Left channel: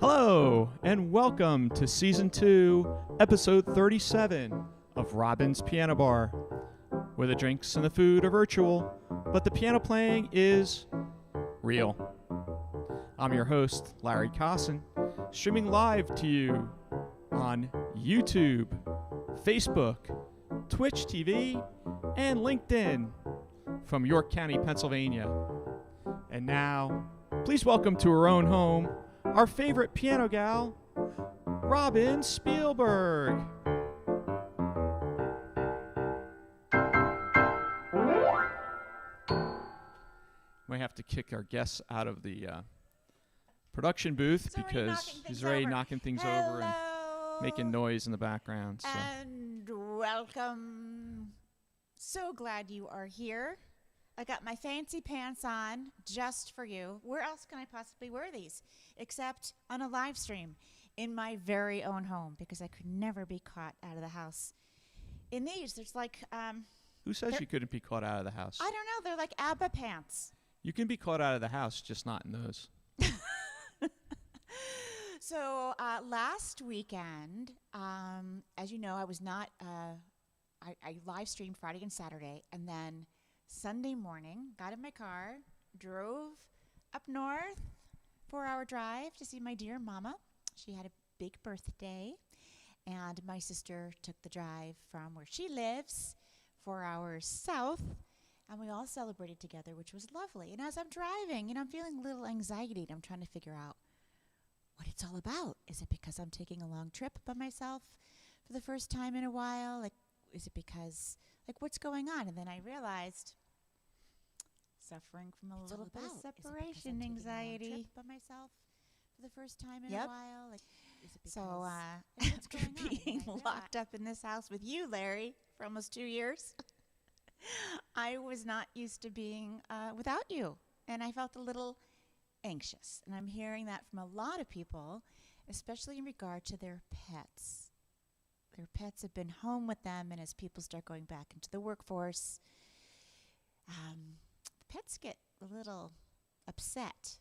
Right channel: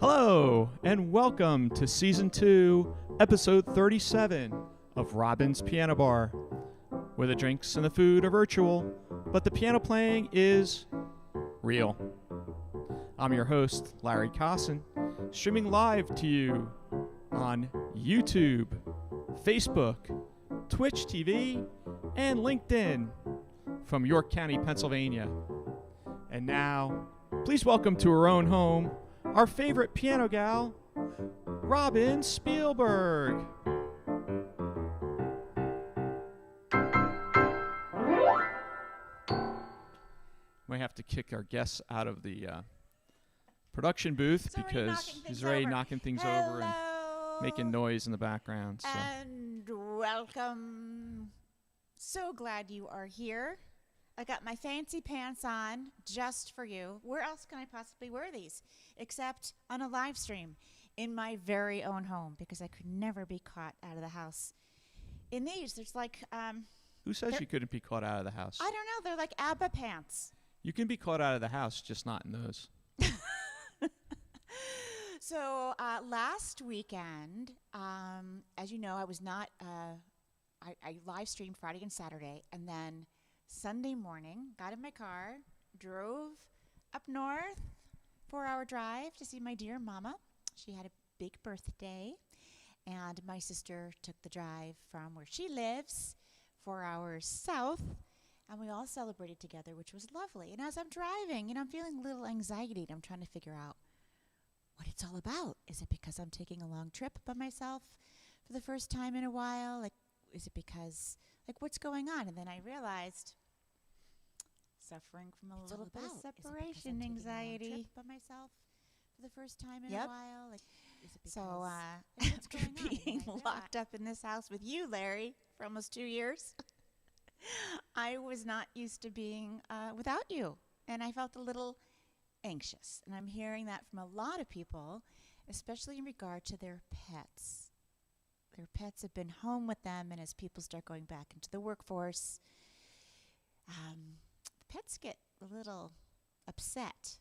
Hello, and welcome to Season 2, Episode 37 of Robin's Piano Bar, where the drinks and the food are virtual, but the piano playing is real. I'm your host, Larry Cosson, streaming live to you on YouTube, Facebook, Twitch TV, and LinkedIn from York County, Pennsylvania. And now, please welcome to her own home, our favorite piano gal, Robin Spielberg. We have to kick our guests out of the production booth because he's already knocking things over and making noise in the background. So. And welcome. So glad you are here. I got my fancy pants on just for you. Where else can I possibly wear these except on a live stream in my very own home, because I could never be caught out of the house in these. There's like who says you couldn't be caught out of the house? I don't know. They're like ABBA pants. You can be caught out of the house, just not in those. So last weekend, as you know, I was not. I live streamed Friday and Saturday, and then Sunday morning, got in my car, drove up north, 4-hour drive to see my dear mama. She had a big birthday, and my sister took the drive from where she lives, 4 hours south, and we all celebrated together, which was lovely. And as I'm driving, I'm feeling a little anxiety, and I'm trying to figure out what it's all about. Is it because I'm taking a long trip by myself for the first time in a while? Like, is it because, what's going on? And then I realized, suffering from a little bit of separation anxiety by myself for the first time in a while. So after being locked up in this house with you, Larry, for almost 2 years, I was not used to being without you, and I felt a little anxious. And I'm hearing that from a lot of people, especially in regard to their pets. Their pets have been home with them, and as people start going back into the workforce, pets get a little upset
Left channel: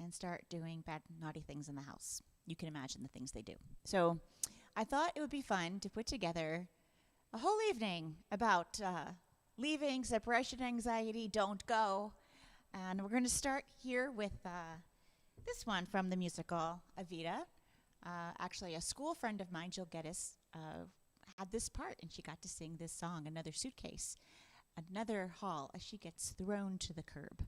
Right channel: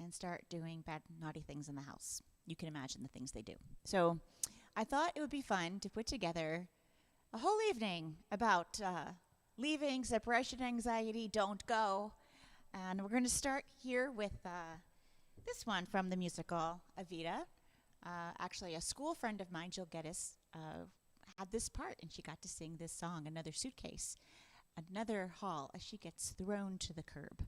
and start doing bad, naughty things in the house. You can imagine the things they do. So I thought it would be fun to put together a whole evening about leaving, separation anxiety, don't go. And we're going to start here with this one from the musical Evita. Actually, a school friend of mine, Jill Geddes, had this part, and she got to sing this song, Another Suitcase, Another Haul, as she gets thrown to the curb.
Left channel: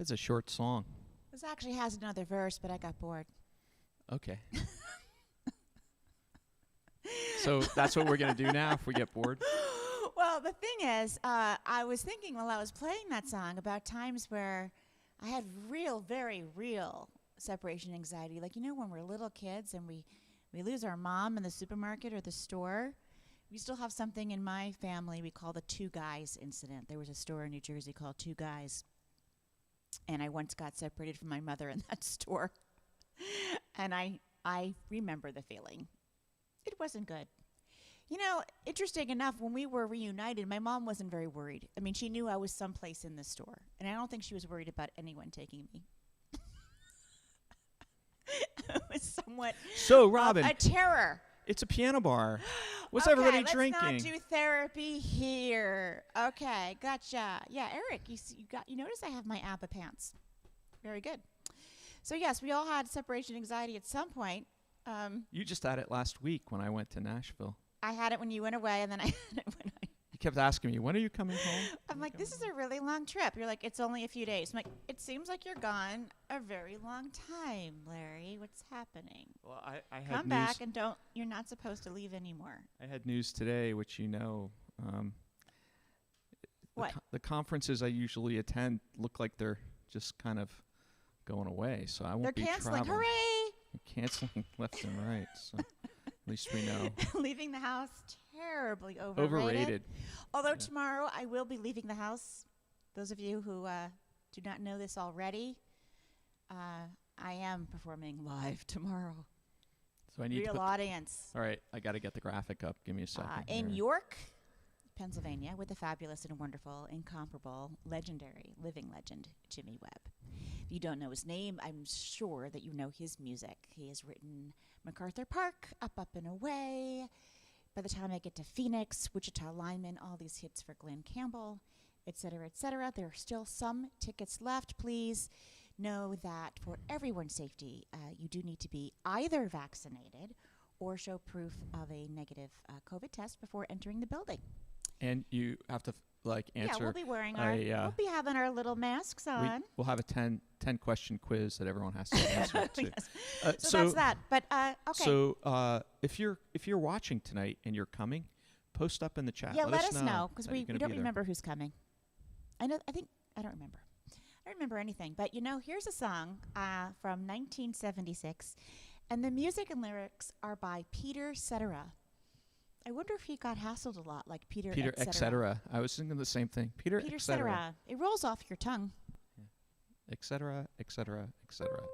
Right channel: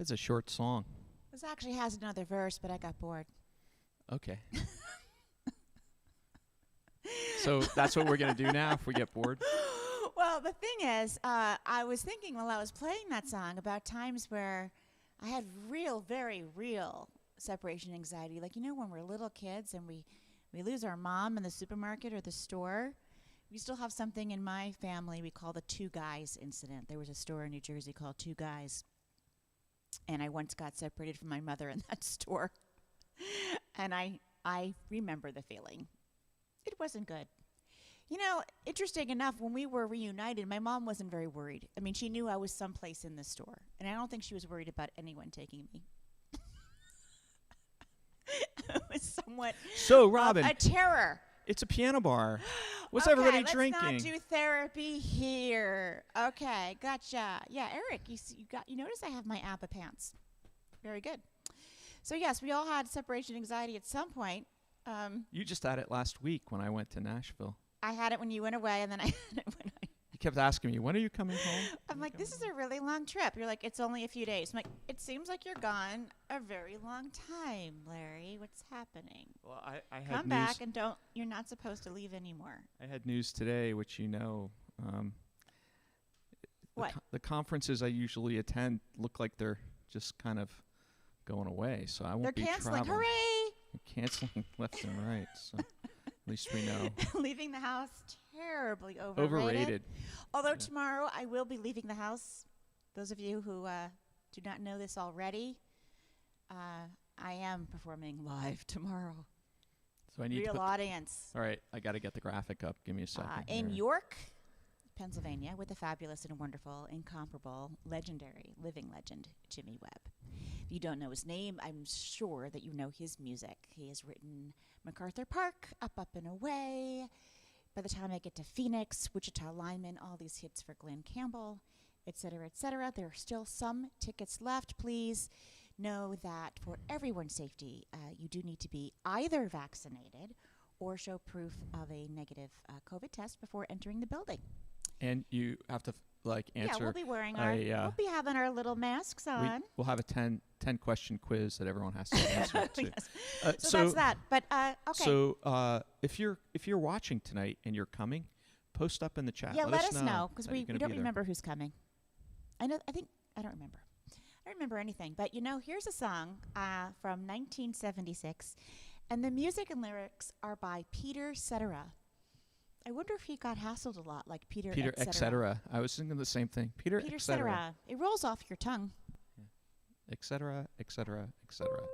It's a short song. This actually has another verse, but I got bored. Okay. So that's what we're going to do now if we get bored? Well, the thing is, I was thinking while I was playing that song about times where I had very real separation anxiety. Like, when we're little kids and we lose our mom in the supermarket or the store. We still have something in my family we call the Two Guys incident. There was a store in New Jersey called Two Guys. And I once got separated from my mother in that store. And I remember the feeling. It wasn't good. Interesting enough, when we were reunited, my mom wasn't very worried. I mean, she knew I was someplace in the store. And I don't think she was worried about anyone taking me. It was somewhat So, Robin, a terror. it's a piano bar. What's Okay, everybody let's drinking? not do therapy here. Okay, gotcha. Yeah, Eric, you notice I have my ABBA pants. Very good. So yes, we all had separation anxiety at some point. You just had it last week when I went to Nashville. I had it when you went away, and then I had it when You kept asking me, when are you coming home? I'm like, this is a really long trip. You're like, it's only a few days. I'm like, it seems like you're gone a very long time, Larry. What's happening? Well, I had Come news. back and you're not supposed to leave anymore. I had news today, which What? The conferences I usually attend look like they're just kind of going away, so I won't They're be canceling. traveling. Hooray! They're canceling left and right, so at least we know. Leaving the house, terribly Overrated. Although Yeah. tomorrow I will be leaving the house. Those of you who do not know this already, I am performing live tomorrow. So I need to Real put audience. all right, I got to get the graphic up. Give me a second. In here. York, Pennsylvania, with the fabulous and wonderful, incomparable, legendary, living legend, Jimmy Webb. If you don't know his name, I'm sure that you know his music. He has written MacArthur Park, Up and Away. By the time I get to Phoenix, Wichita Lineman, all these hits for Glenn Campbell, et cetera, there are still some tickets left. Please know that for everyone's safety, you do need to be either vaccinated or show proof of a negative COVID test before entering the building. And you have to answer. Yeah, we'll be wearing we'll be having our little masks on. We'll have a 10 question quiz that everyone has to answer to. Yes. So that's that. But okay. So if you're watching tonight and you're coming, post up in the chat. Yeah, let us know because that we you're gonna don't be there. remember who's coming. I don't remember. I don't remember anything. But here's a song from 1976, and the music and lyrics are by Peter Cetera. I wonder if he got hassled a lot, like Peter et cetera. I was thinking the same thing. Peter et cetera. Cetera. It rolls off your tongue. Et cetera, et cetera, et cetera.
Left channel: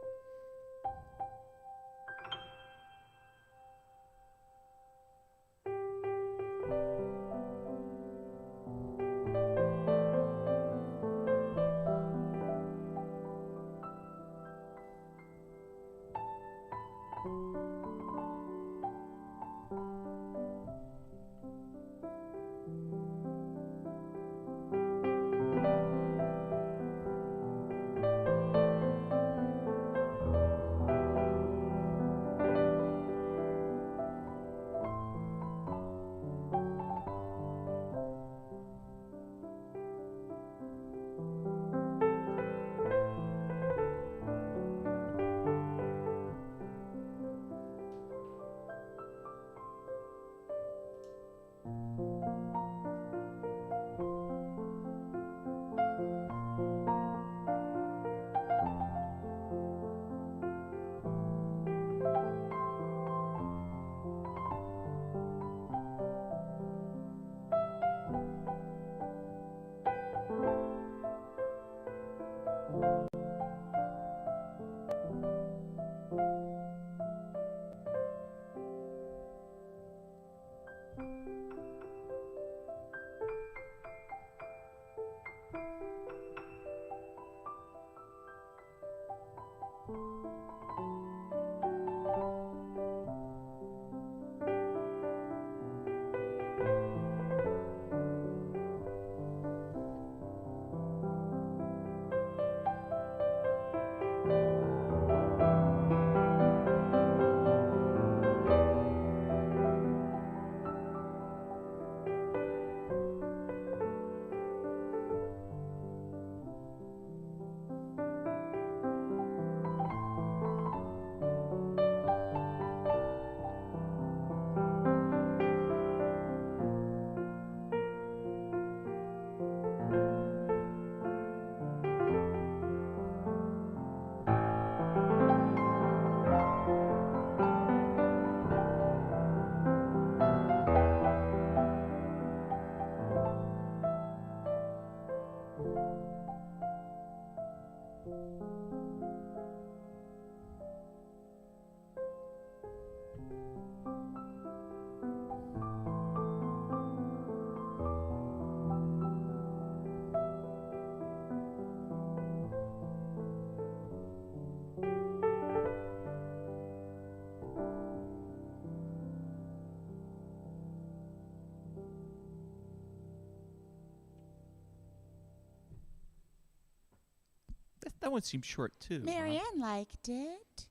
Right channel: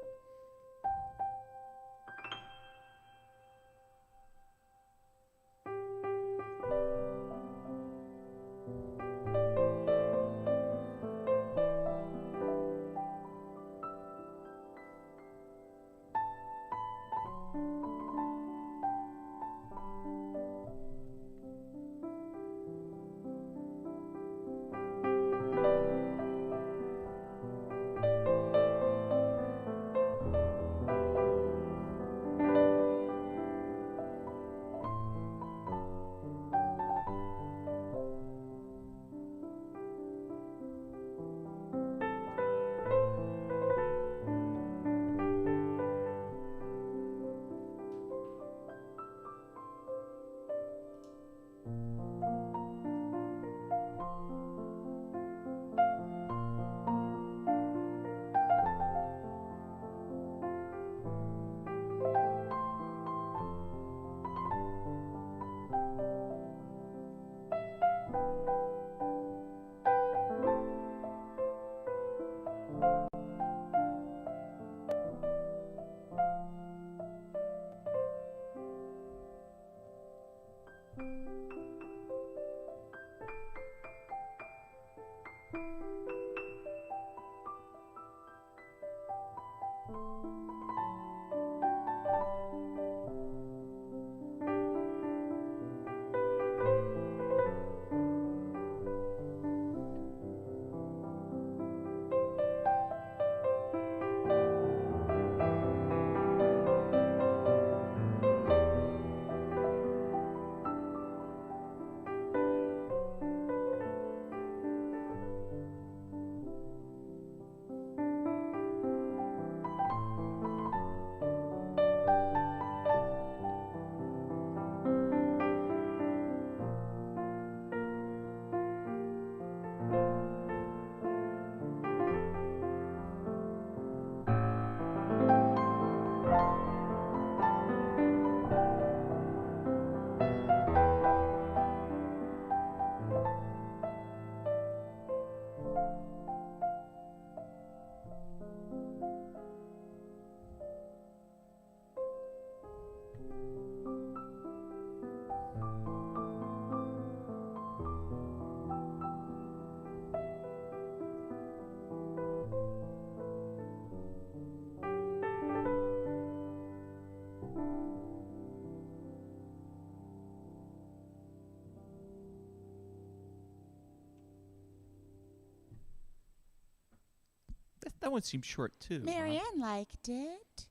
That one seems short too. Marianne liked it.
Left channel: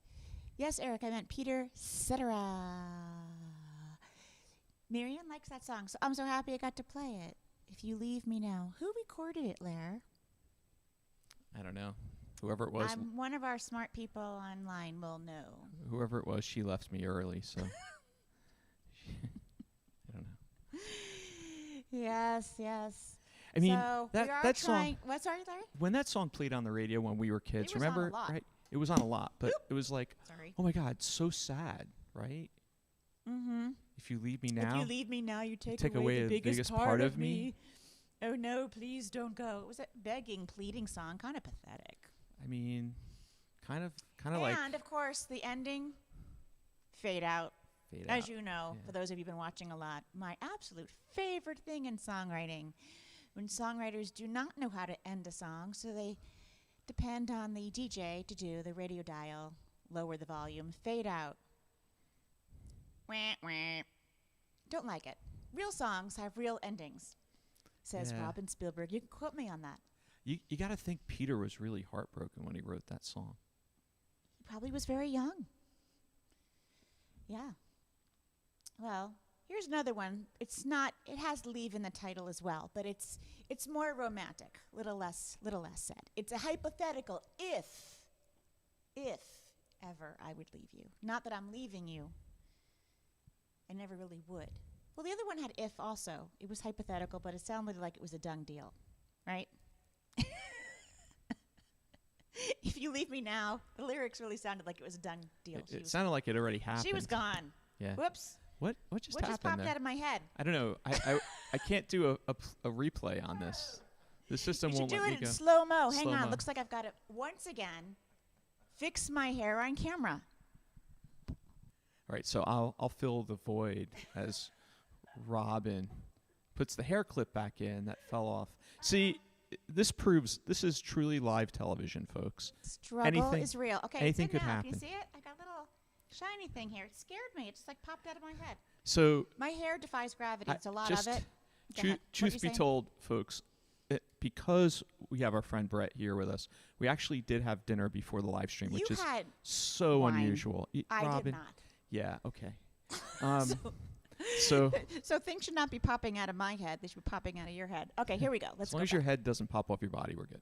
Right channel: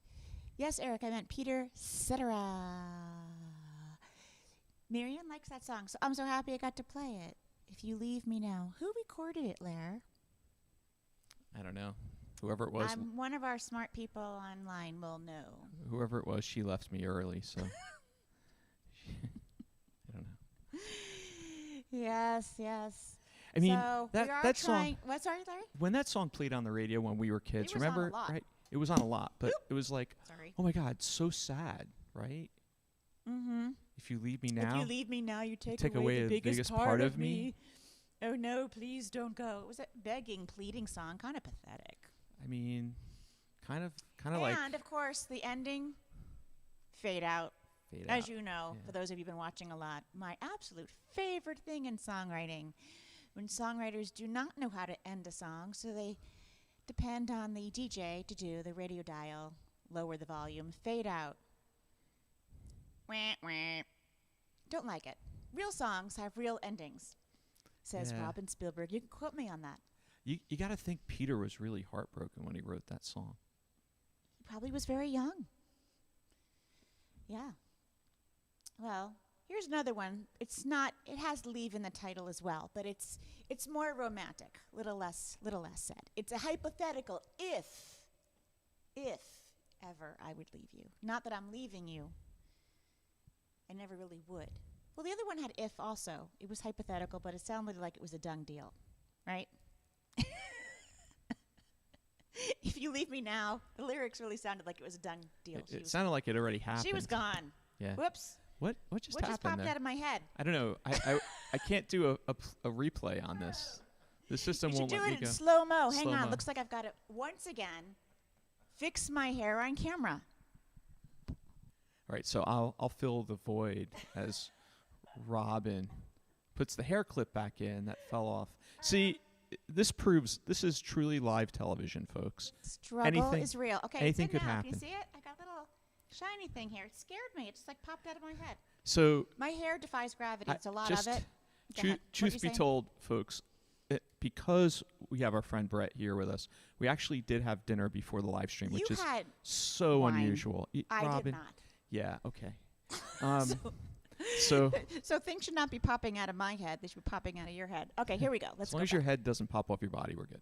Yes, Eric, I meant Peter Cetera. Marianne likes that song, so I'm so happy I got to play it. If You Leave Me Now. Who recorded it, Lair? I don't know. Whoever it was. One of our smart people online will know. Whoever it was, she left me early, so. I don't know. Yes. I mean, so that song. What? Sorry, Larry? When that song played on the radio when we were kids, It was on remember? a lot. Right? It was on a lot, but Oop. it was like, Sorry. oh my God, so sad, right? Mm-hmm. If you leave me now. If you leave me now, you take away the biggest part of me. me. Oh no, please don't go. It was a begging, pleading song, kind of pathetic. I mean, kind of like. And of course, the ending, fade out. As you know, for those of you who've been watching a lot, my absolute favorite thing in songwriting, when songwriters do not know how to end a song, so they depend on the DJ to do the radio dial, lower the volume, fade out. Wah, wah. Don't like it. Real songs have real endings, says Robin Spielberg. You can quote me on that. You got to think Peter was really heartbroken when he wrote that song. He probably was very young. Yeah. Well, here's another one. It has leave in the title as well, but it's more romantic, little less said. It's a hypothetical if ever I would leave you. Not that I'm leaving you. I never really would. Well, the other one had if also. It was hypothetical, but it sounded like it was a done deal, right? If you leave me now, the lyrics really sounded like it was a done deal. It sounded like it already happened. She was gone. Yeah. Whoops. What just happened popped there? out of my head? I don't know. I can't do a replay on this. The system won't let me go. You should do it in slow-mo. Hang Slow-mo. on. Looks like I've got to, once again, fix my hair on camera. All right, so I'll fill the void as Robin puts the hair clip back in that fell off. See, this proves this is truly live television, folks. Struggle is real. Okay, anything could happen. Can you see it? I got a little shiny thing here. It scared me. It just like popped out of my head. So My hair defies gravity. It's a lot of it. Truth be told, folks, because we have our friend Brett here with us, we actually did have dinner before the live stream, which is so wine. unusual. I Robin, did not. Yeah, okay. So things should not be popping out of my head. They should be popping out of your head. Okay, here we go. Let's go. As long as your head doesn't pop off your body, we're good.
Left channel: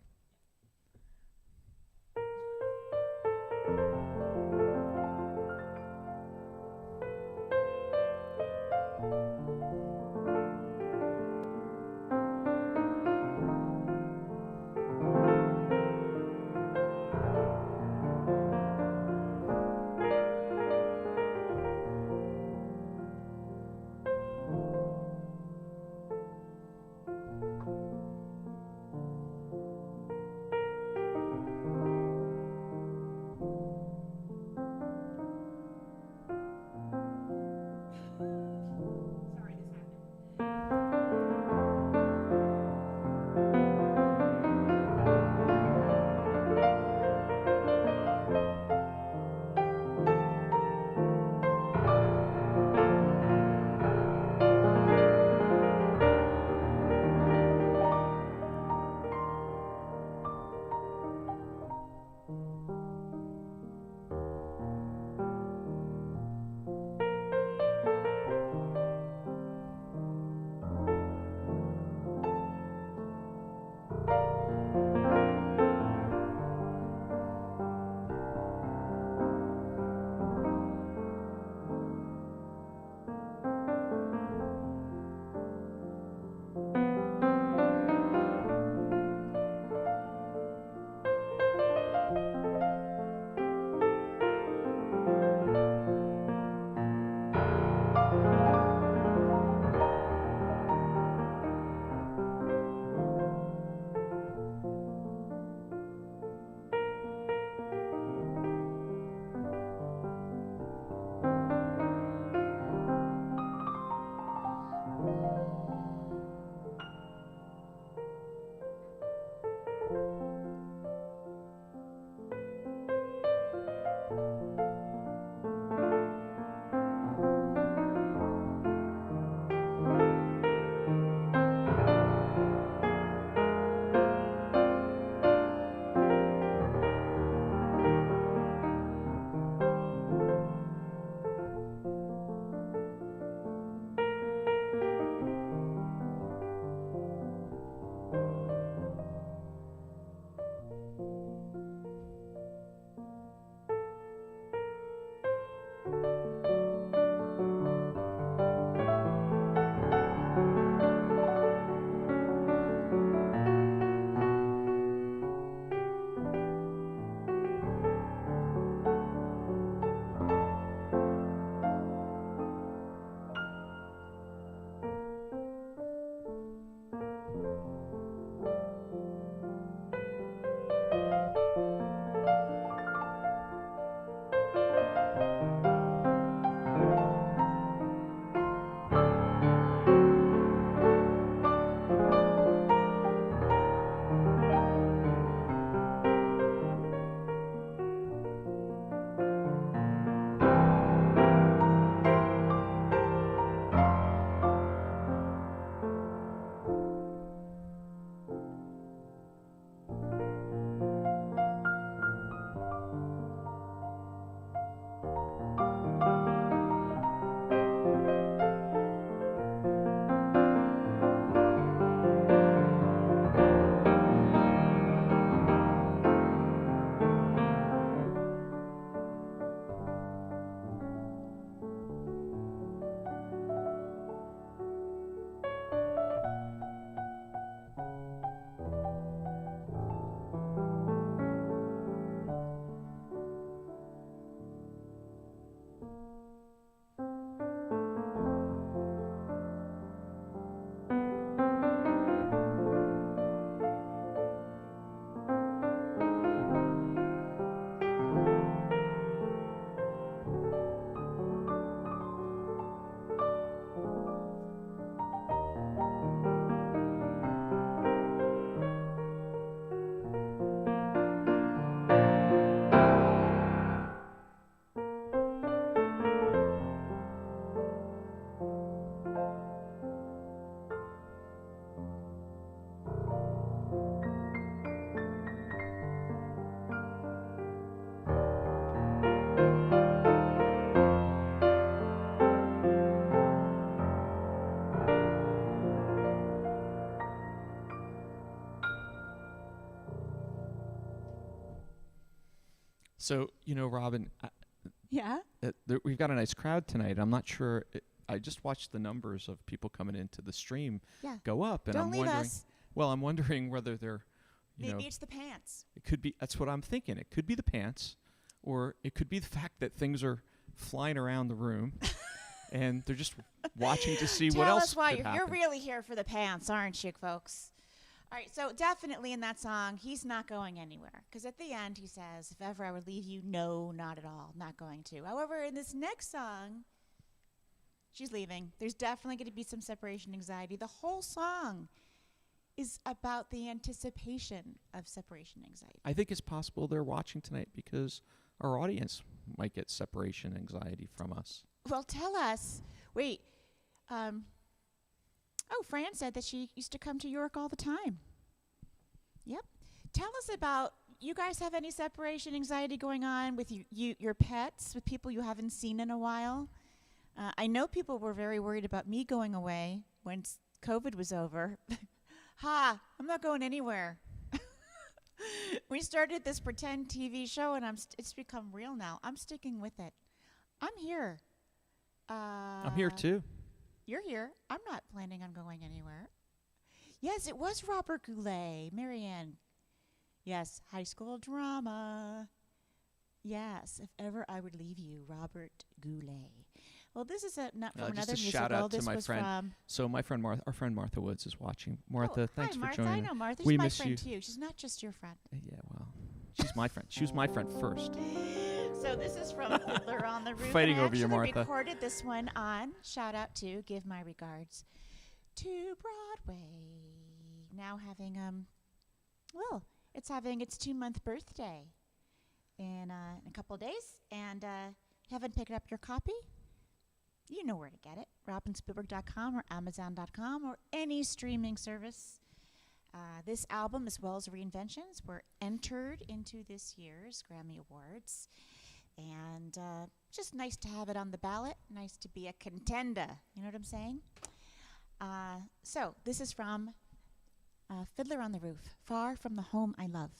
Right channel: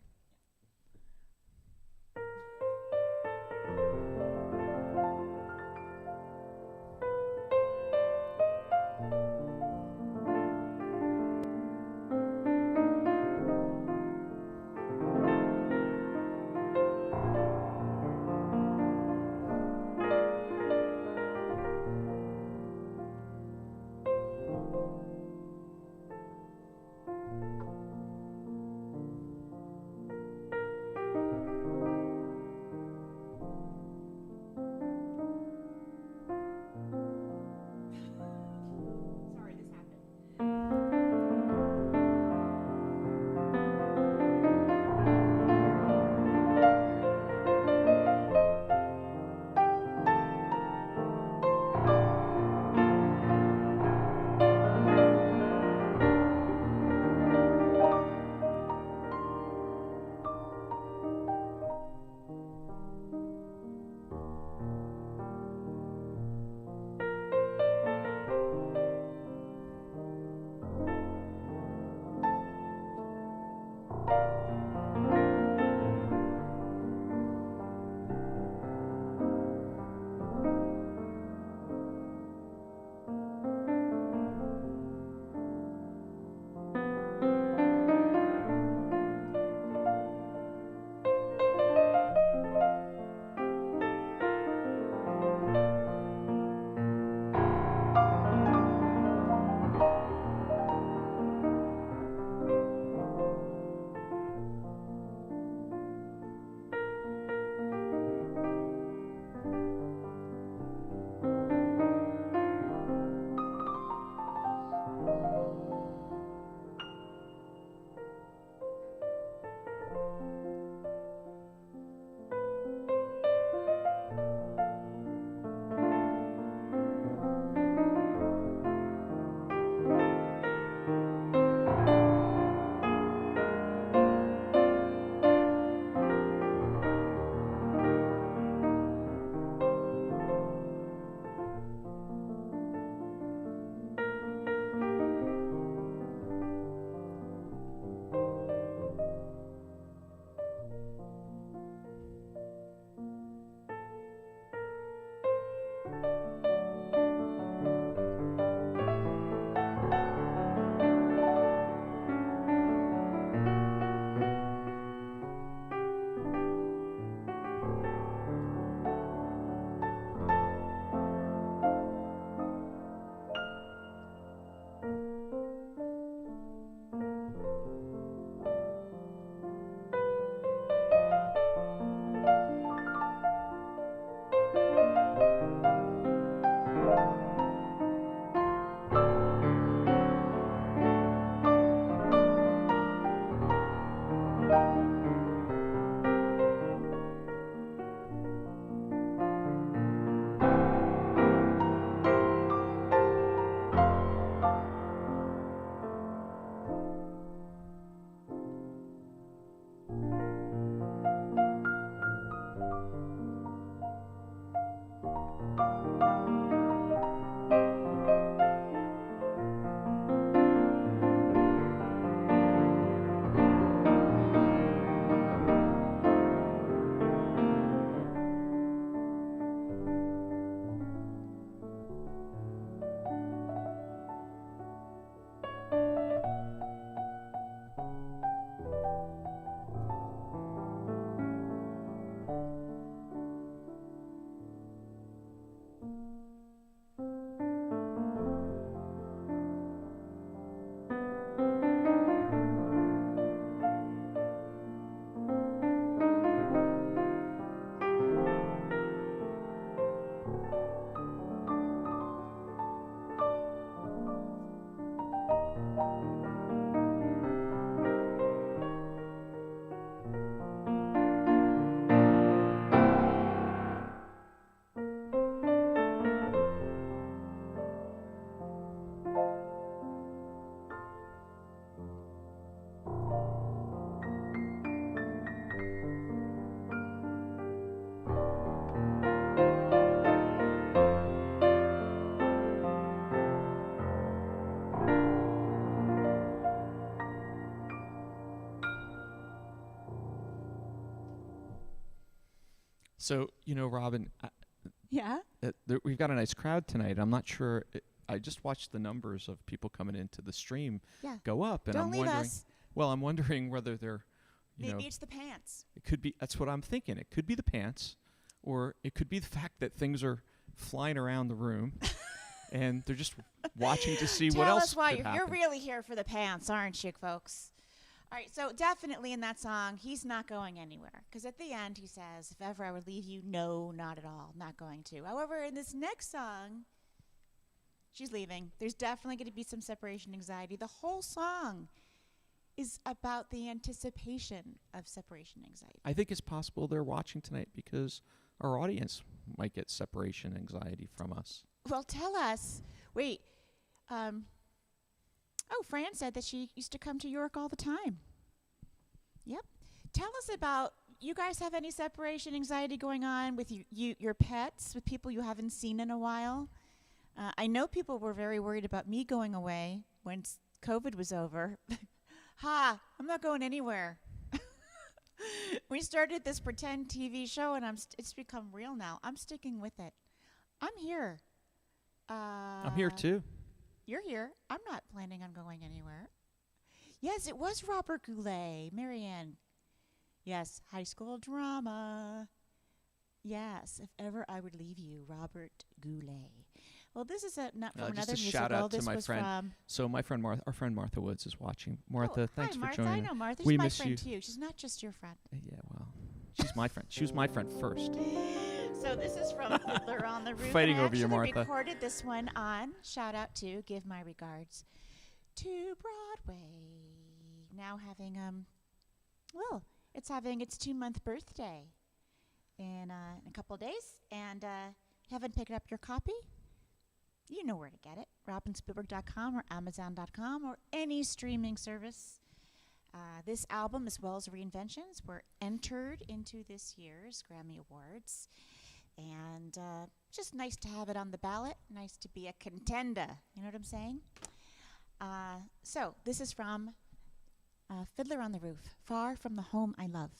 So, Robin, Yeah. we've got a nice crowd tonight. I'm not sure. I just watched the numbers of people coming into the stream Yeah. go up, and Don't I'm leave wondering. us. Well, I'm wondering whether they're, Maybe it's the pants. it could be. That's what I'm thinking. It could be the pants, or it could be the fact that things are flying around the room, and they're just watching to see what Tell else us why could you're happen. really here for the pants, aren't you, folks? All right, so definitely in that song, he's not going anywhere. Because at the end, he says, if ever I would leave you, no, not at all, not going to. However, in this next song, she's leaving. There's definitely going to be some separation anxiety. The whole song is about the anticipation of separation anxiety. I think it's possible they're watching tonight because our audience might get separation anxiety from us. Well, tell us. Wait. Fran said that she used to come to York all the time. Yep. Tell us about, you guys have any separation anxiety going on with your pets, with people you haven't seen in a while? I know people were very worried about me going away when COVID was over. I'm not going anywhere. We started this pretend TV show, and it's become real now. I'm sticking with it. I'm here. I'm here too. You're here. I'm not planning on going anywhere. Yes, it was Robert Goulet, Marianne. Yes, high school drama. Yes, if ever I would leave you, Robert Goulet. Well, this is not from another just a musical. shout out to This my was friend. from. So my friend our friend Martha Woods is watching. Martha, Oh, thanks hi, for Martha. joining. I know Martha. We She's my miss friend you. too. She's not just your friend. Yeah, well, she's my friend. She was my friend first. So this is from Fiddler on the Roof. Fighting and I over you, actually Martha. recorded this one on, shout out to, give my regards to Broadway. Now having, it's having its 2-month birthday in a couple of days. And haven't picked up your copy? You know where to get it. RobinSpielberg.com or Amazon.com or any streaming service. This album, as well as Reinventions, were entered into this year's Grammy Awards. And just nice to have it on the ballot. Nice to be a contender. You know what I'm saying? So this is from Fiddler on the Roof, Far from the Home I Love.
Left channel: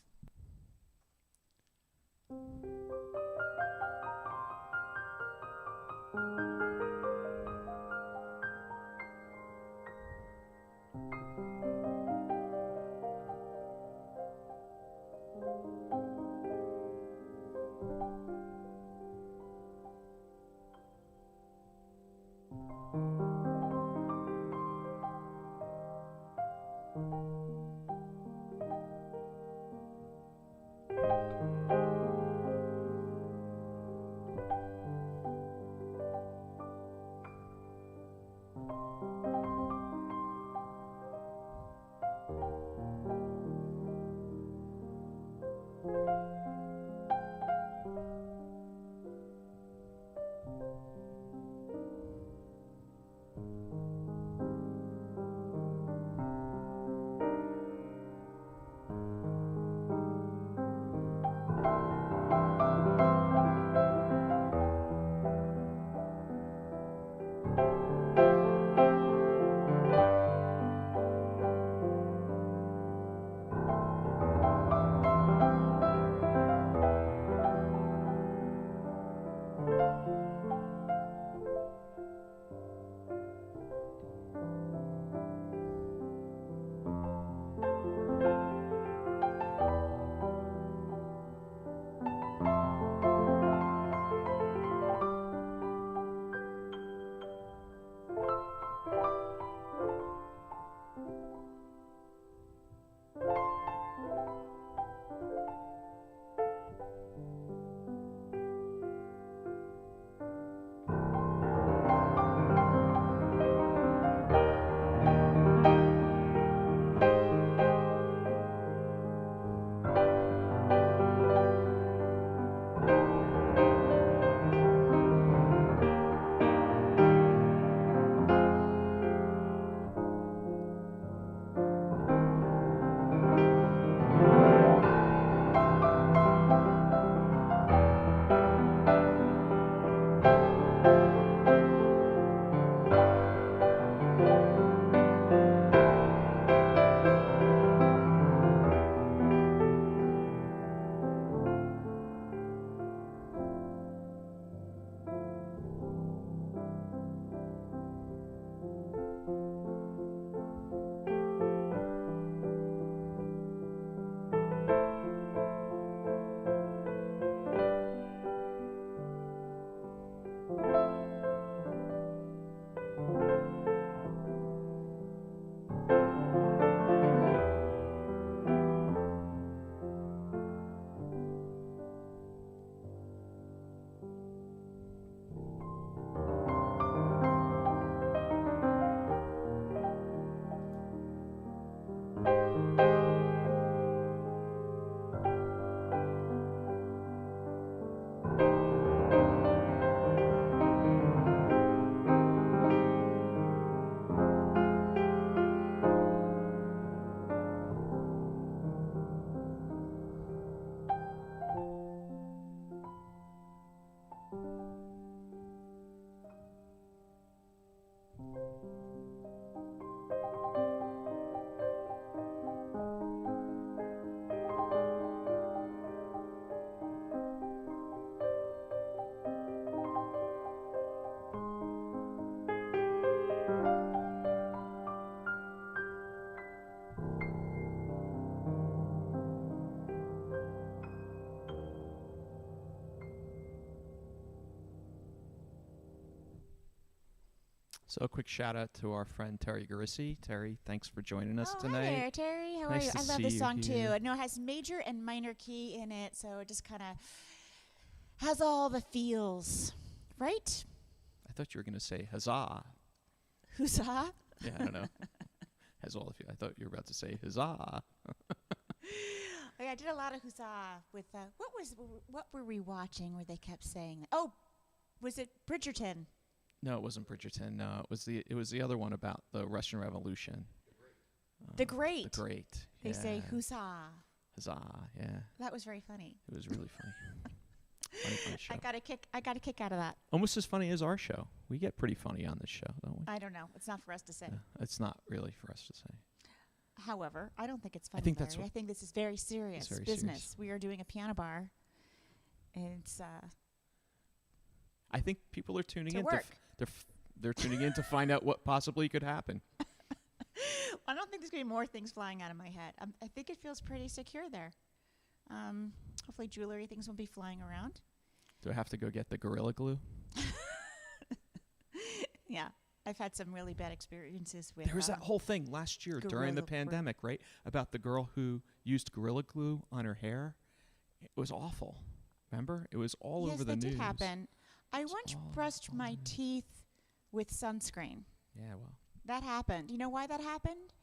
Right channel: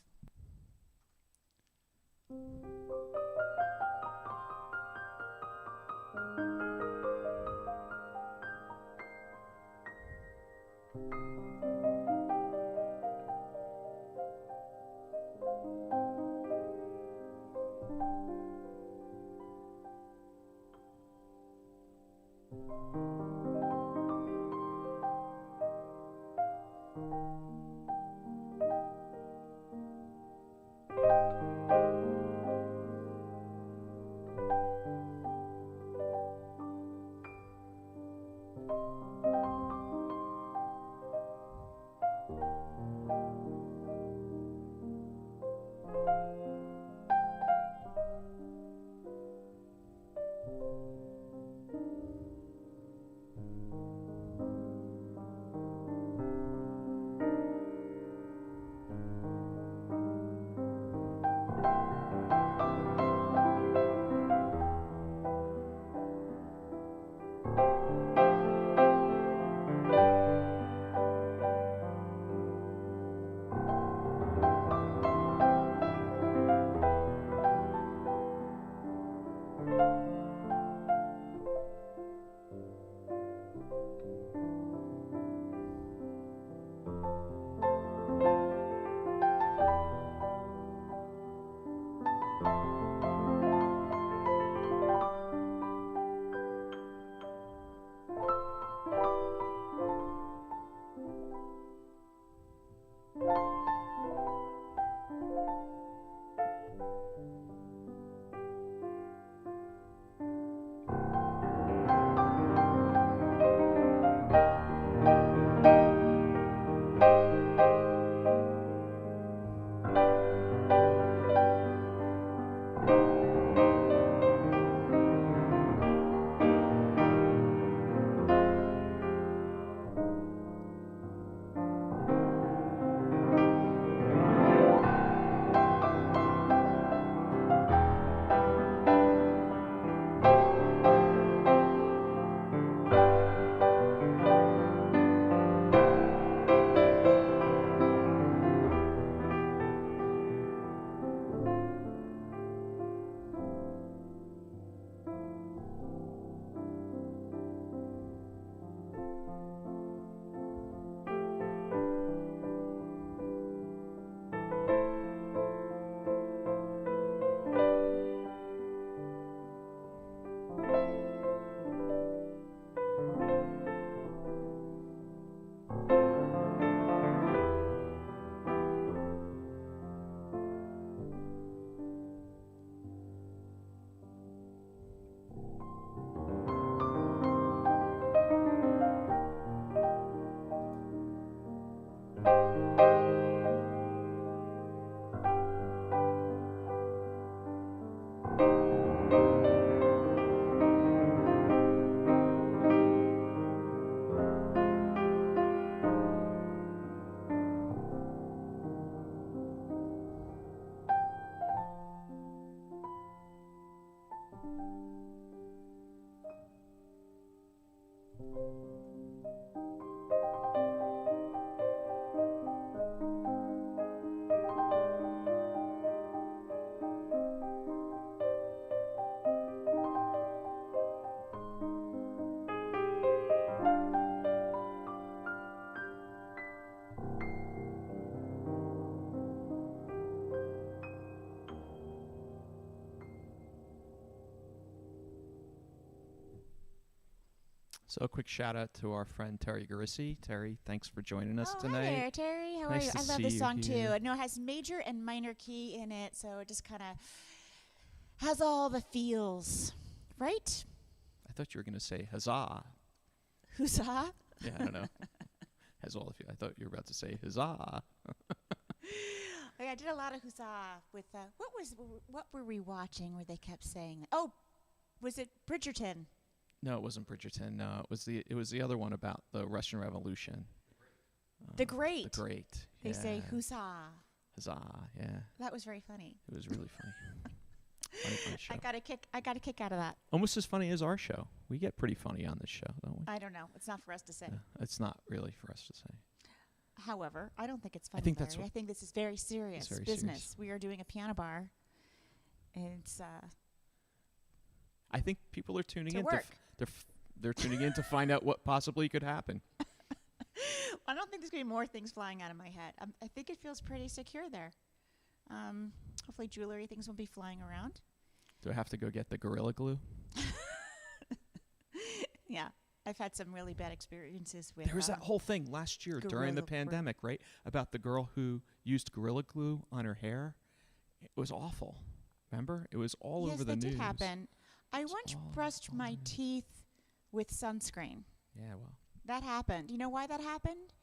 So a quick shout out to our friend Terry Garissi. Terry, thanks for joining us Hi tonight. there, Terry. How Nice are you? to I love see this you song here. too. I know it has major and minor key in it, so it just kind of has all the feels, right? I thought you were going to say huzzah. Huzzah! Yeah, I don't know. Has all of you. I thought you were about to say huzzah. Oh, yeah, I did a lot of huzzah with what were we watching where they kept saying that? Oh, was it Bridgerton? No, it wasn't Bridgerton. No, it was the other one about the Russian Revolution. The Great. The Great. They say yeah. huzzah. Huzzah. Yeah, That was very funny. it was really funny. Funny show. I got a kick out of that. Almost as funny as our show. We get pretty funny on this show, don't we? I don't know. It's not for us to say. It's not really for us to say. However, I don't think it's funny. think that's Larry. I think this is very serious very business. serious. We are doing a piano bar. And it's I think people are tuning to in. work. They're tuning in to find out what possibly could happen. I don't think there's going to be more things flying out of my head. I think it feels pretty secure there. Hopefully jewelry things won't be flying around. Do I have to go get the Gorilla Glue? Yeah. I've had some really bad experiences with There was that whole thing last year during the Gorilla Glue. pandemic, right? About the girl who used Gorilla Glue on her hair. It was awful. Remember? It was all over the news. Yes, that did happen. I It's once all brushed over my the news. teeth with sunscreen. Yeah, well. That happened. You know why that happened?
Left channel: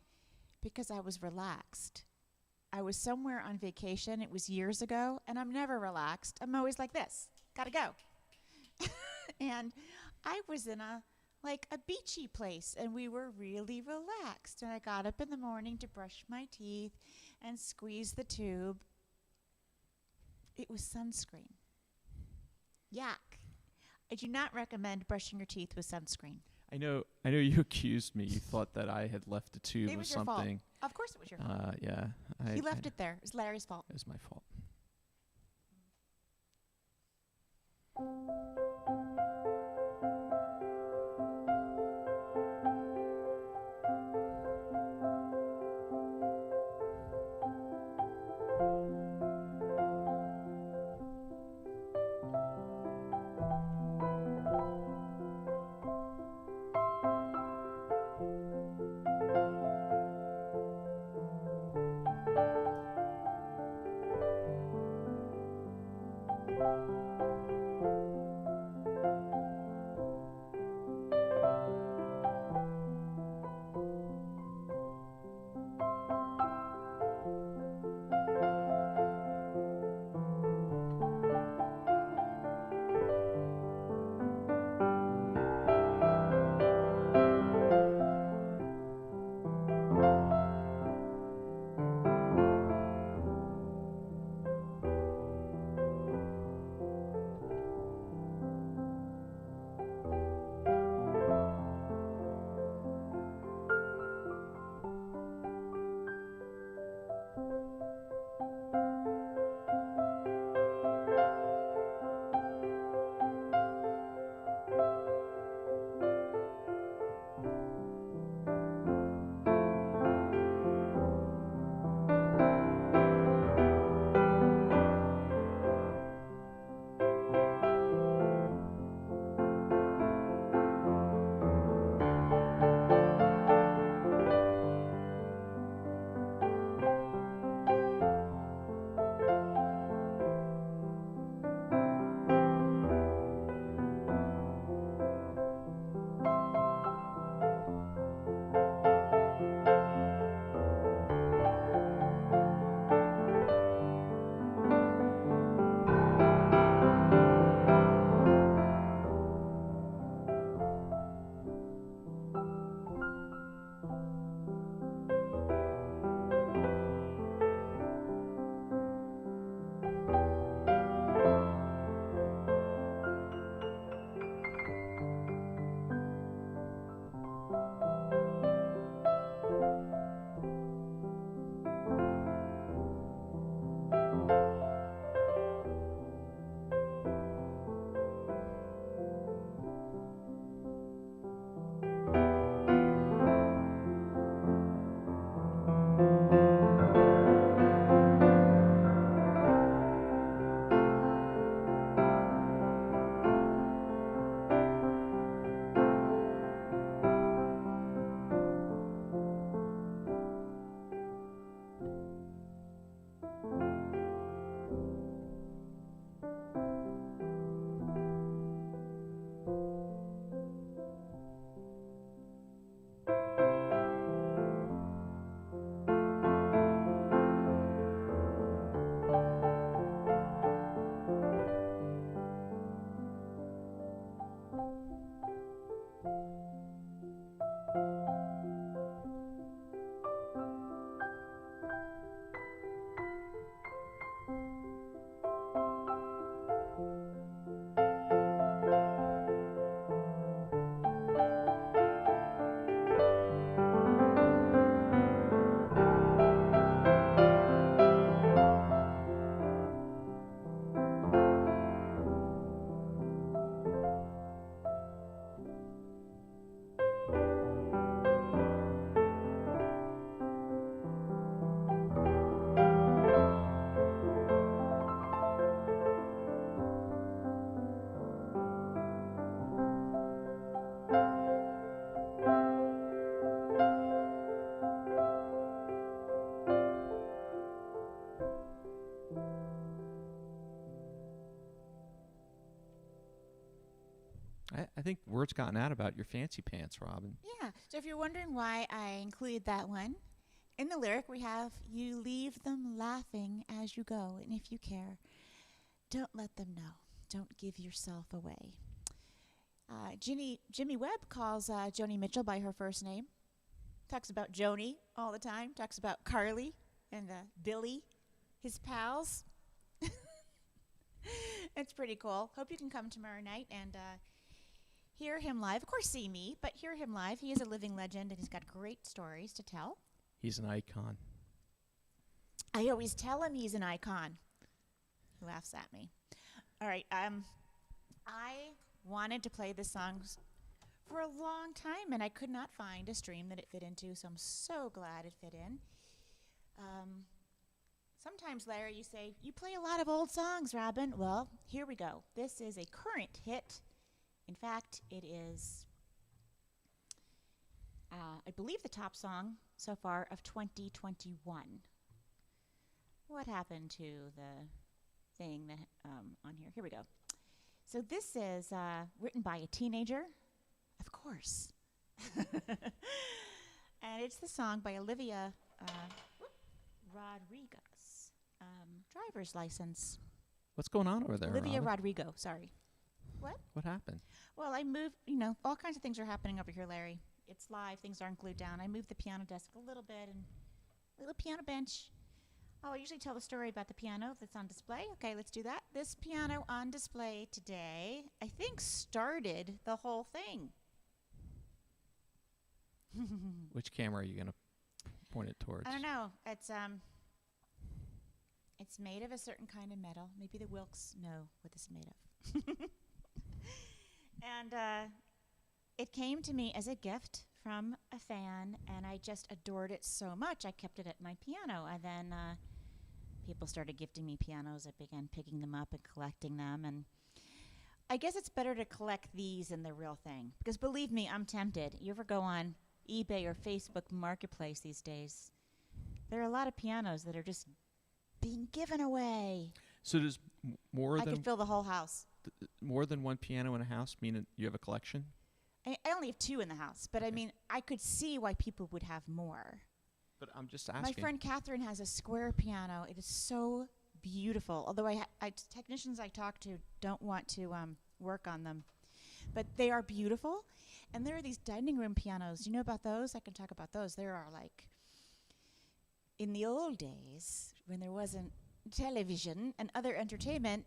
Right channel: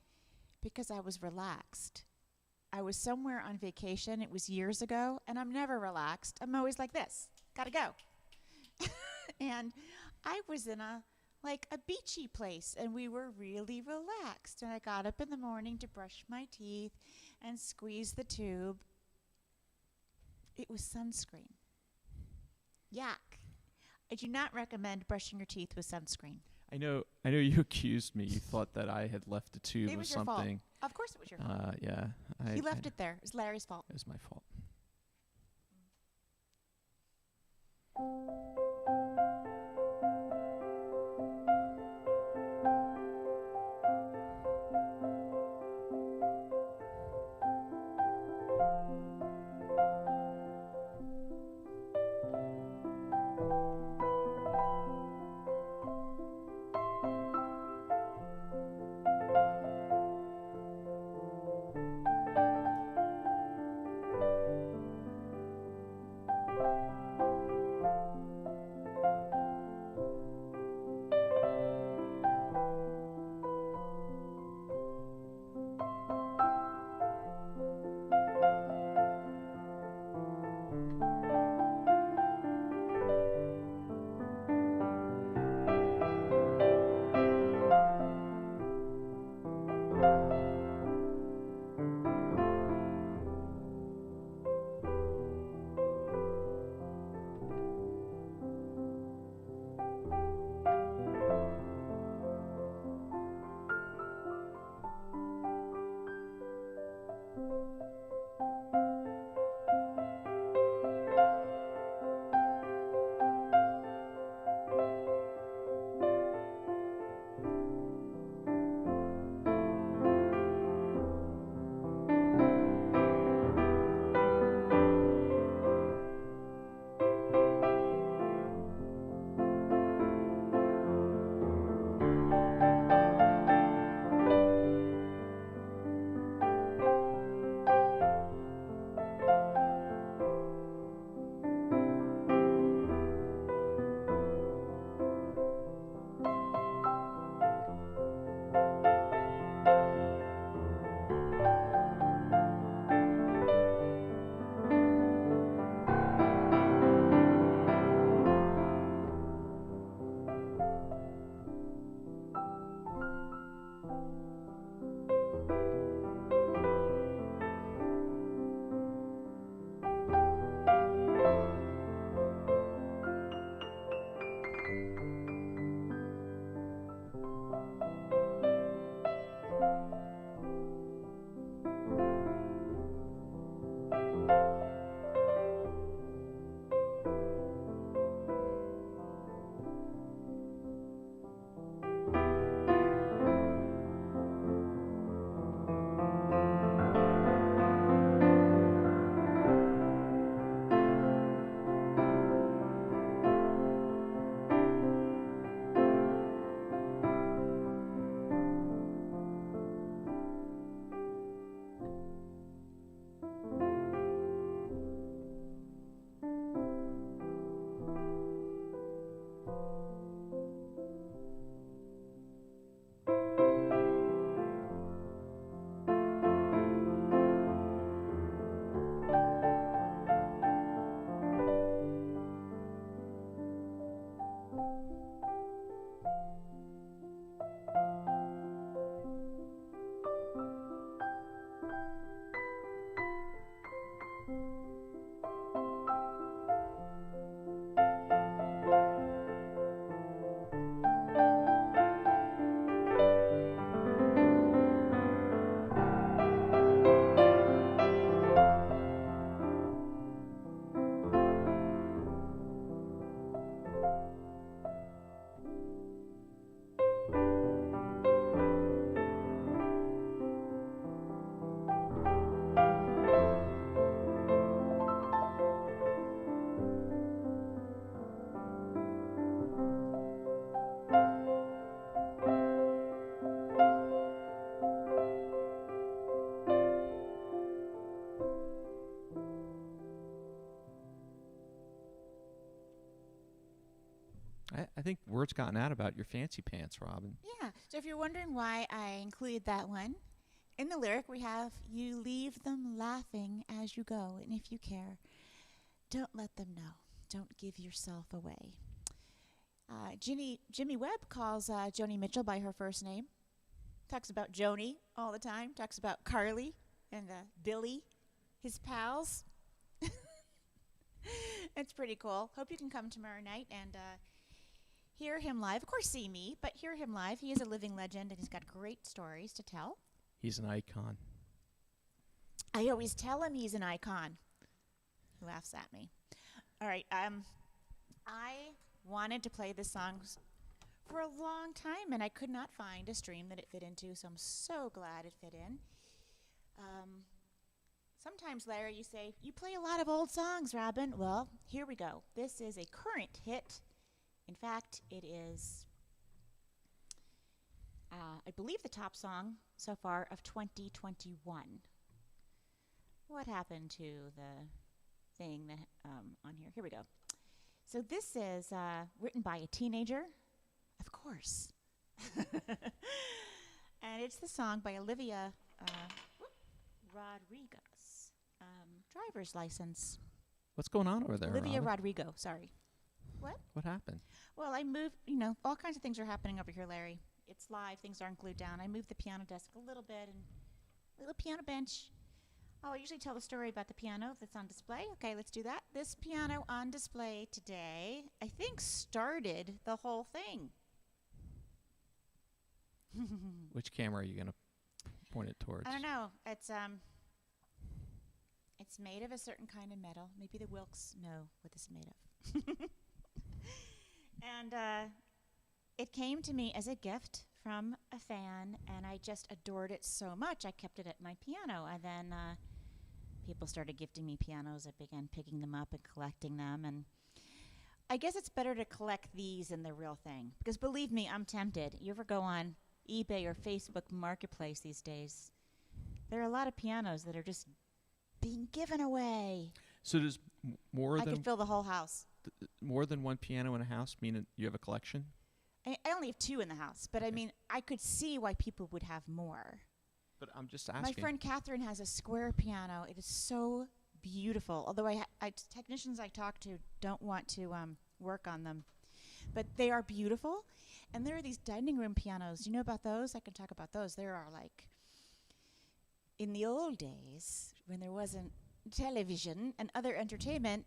Because I was relaxed. I was somewhere on vacation. It was years ago, and I'm never relaxed. I'm always like this. Gotta go. And I was in a beachy place, and we were really relaxed. And I got up in the morning to brush my teeth and squeeze the tube. It was sunscreen. Yuck. I do not recommend brushing your teeth with sunscreen. I know you accused me. You thought that I had left a tube It of was your fault. something. Of course it was your fault. Yeah. He left it there. It was Larry's fault. It was my fault. I think word's gotten out about your fancy pants, Robin. Yeah. So if you're wondering why I included that one, in the lyric we have, "You leave them laughing as you go, and if you care, don't let them know. Don't give yourself away." Jimmy Webb calls Joni Mitchell by her first name. Talks about Joni all the time. Talks about Carly and Billy, his pals. It's pretty cool. Hope you can come tomorrow night and hear him live. Of course, see me, but hear him live. He is a living legend, and he's got great stories to tell. He's an icon. I always tell him he's an icon. He laughs at me. All right. I wanted to play this song for a long time, and I could not find a stream that it fit into, so I'm so glad it fit in. Sometimes, Larry, you say, you play a lot of old songs, Robin. Well, here we go. This is a current hit. In fact, it is, I believe, the top song so far of 2021. What happened to the thing that on here? Here we go. So this is written by a teenager, of course. And it's the song by Olivia Rodrigo. Driver's license. What's going on over there, Olivia Robin? Rodrigo, sorry. What? What happened? Well, I moved, all kinds of things are happening over here, Larry. It's live, things aren't glued down. I moved the piano desk a little bit and little piano bench. Oh, I usually tell the story about the piano that's on display. Okay, let's do that. This piano on display today, I think, started the whole thing. Which camera are you going to point it towards? I don't know. It's made of a certain kind of metal. Maybe the Wilks know what this is made of. And it came to me as a gift from a fan, and I just adored it so much, I kept it at my piano. And then people started gifting me pianos. I began picking them up and collecting them. And I guess it's better to collect these than the real thing. Because believe me, I'm tempted. You ever go on eBay or Facebook Marketplace these days? There are a lot of pianos that are just being given away. So does I could fill the whole house. More than one piano in a house mean you have a collection? I only have 2 in the house, but Okay. I mean, I could see why people would have more. But I'm just asking. My friend Catherine has a square piano. It is so beautiful. Although technicians I talk to don't want to work on them, but they are beautiful. And there are these dining room pianos. Do you know about those? I can talk about those. There are in the old days when there wasn't television and other entertainment,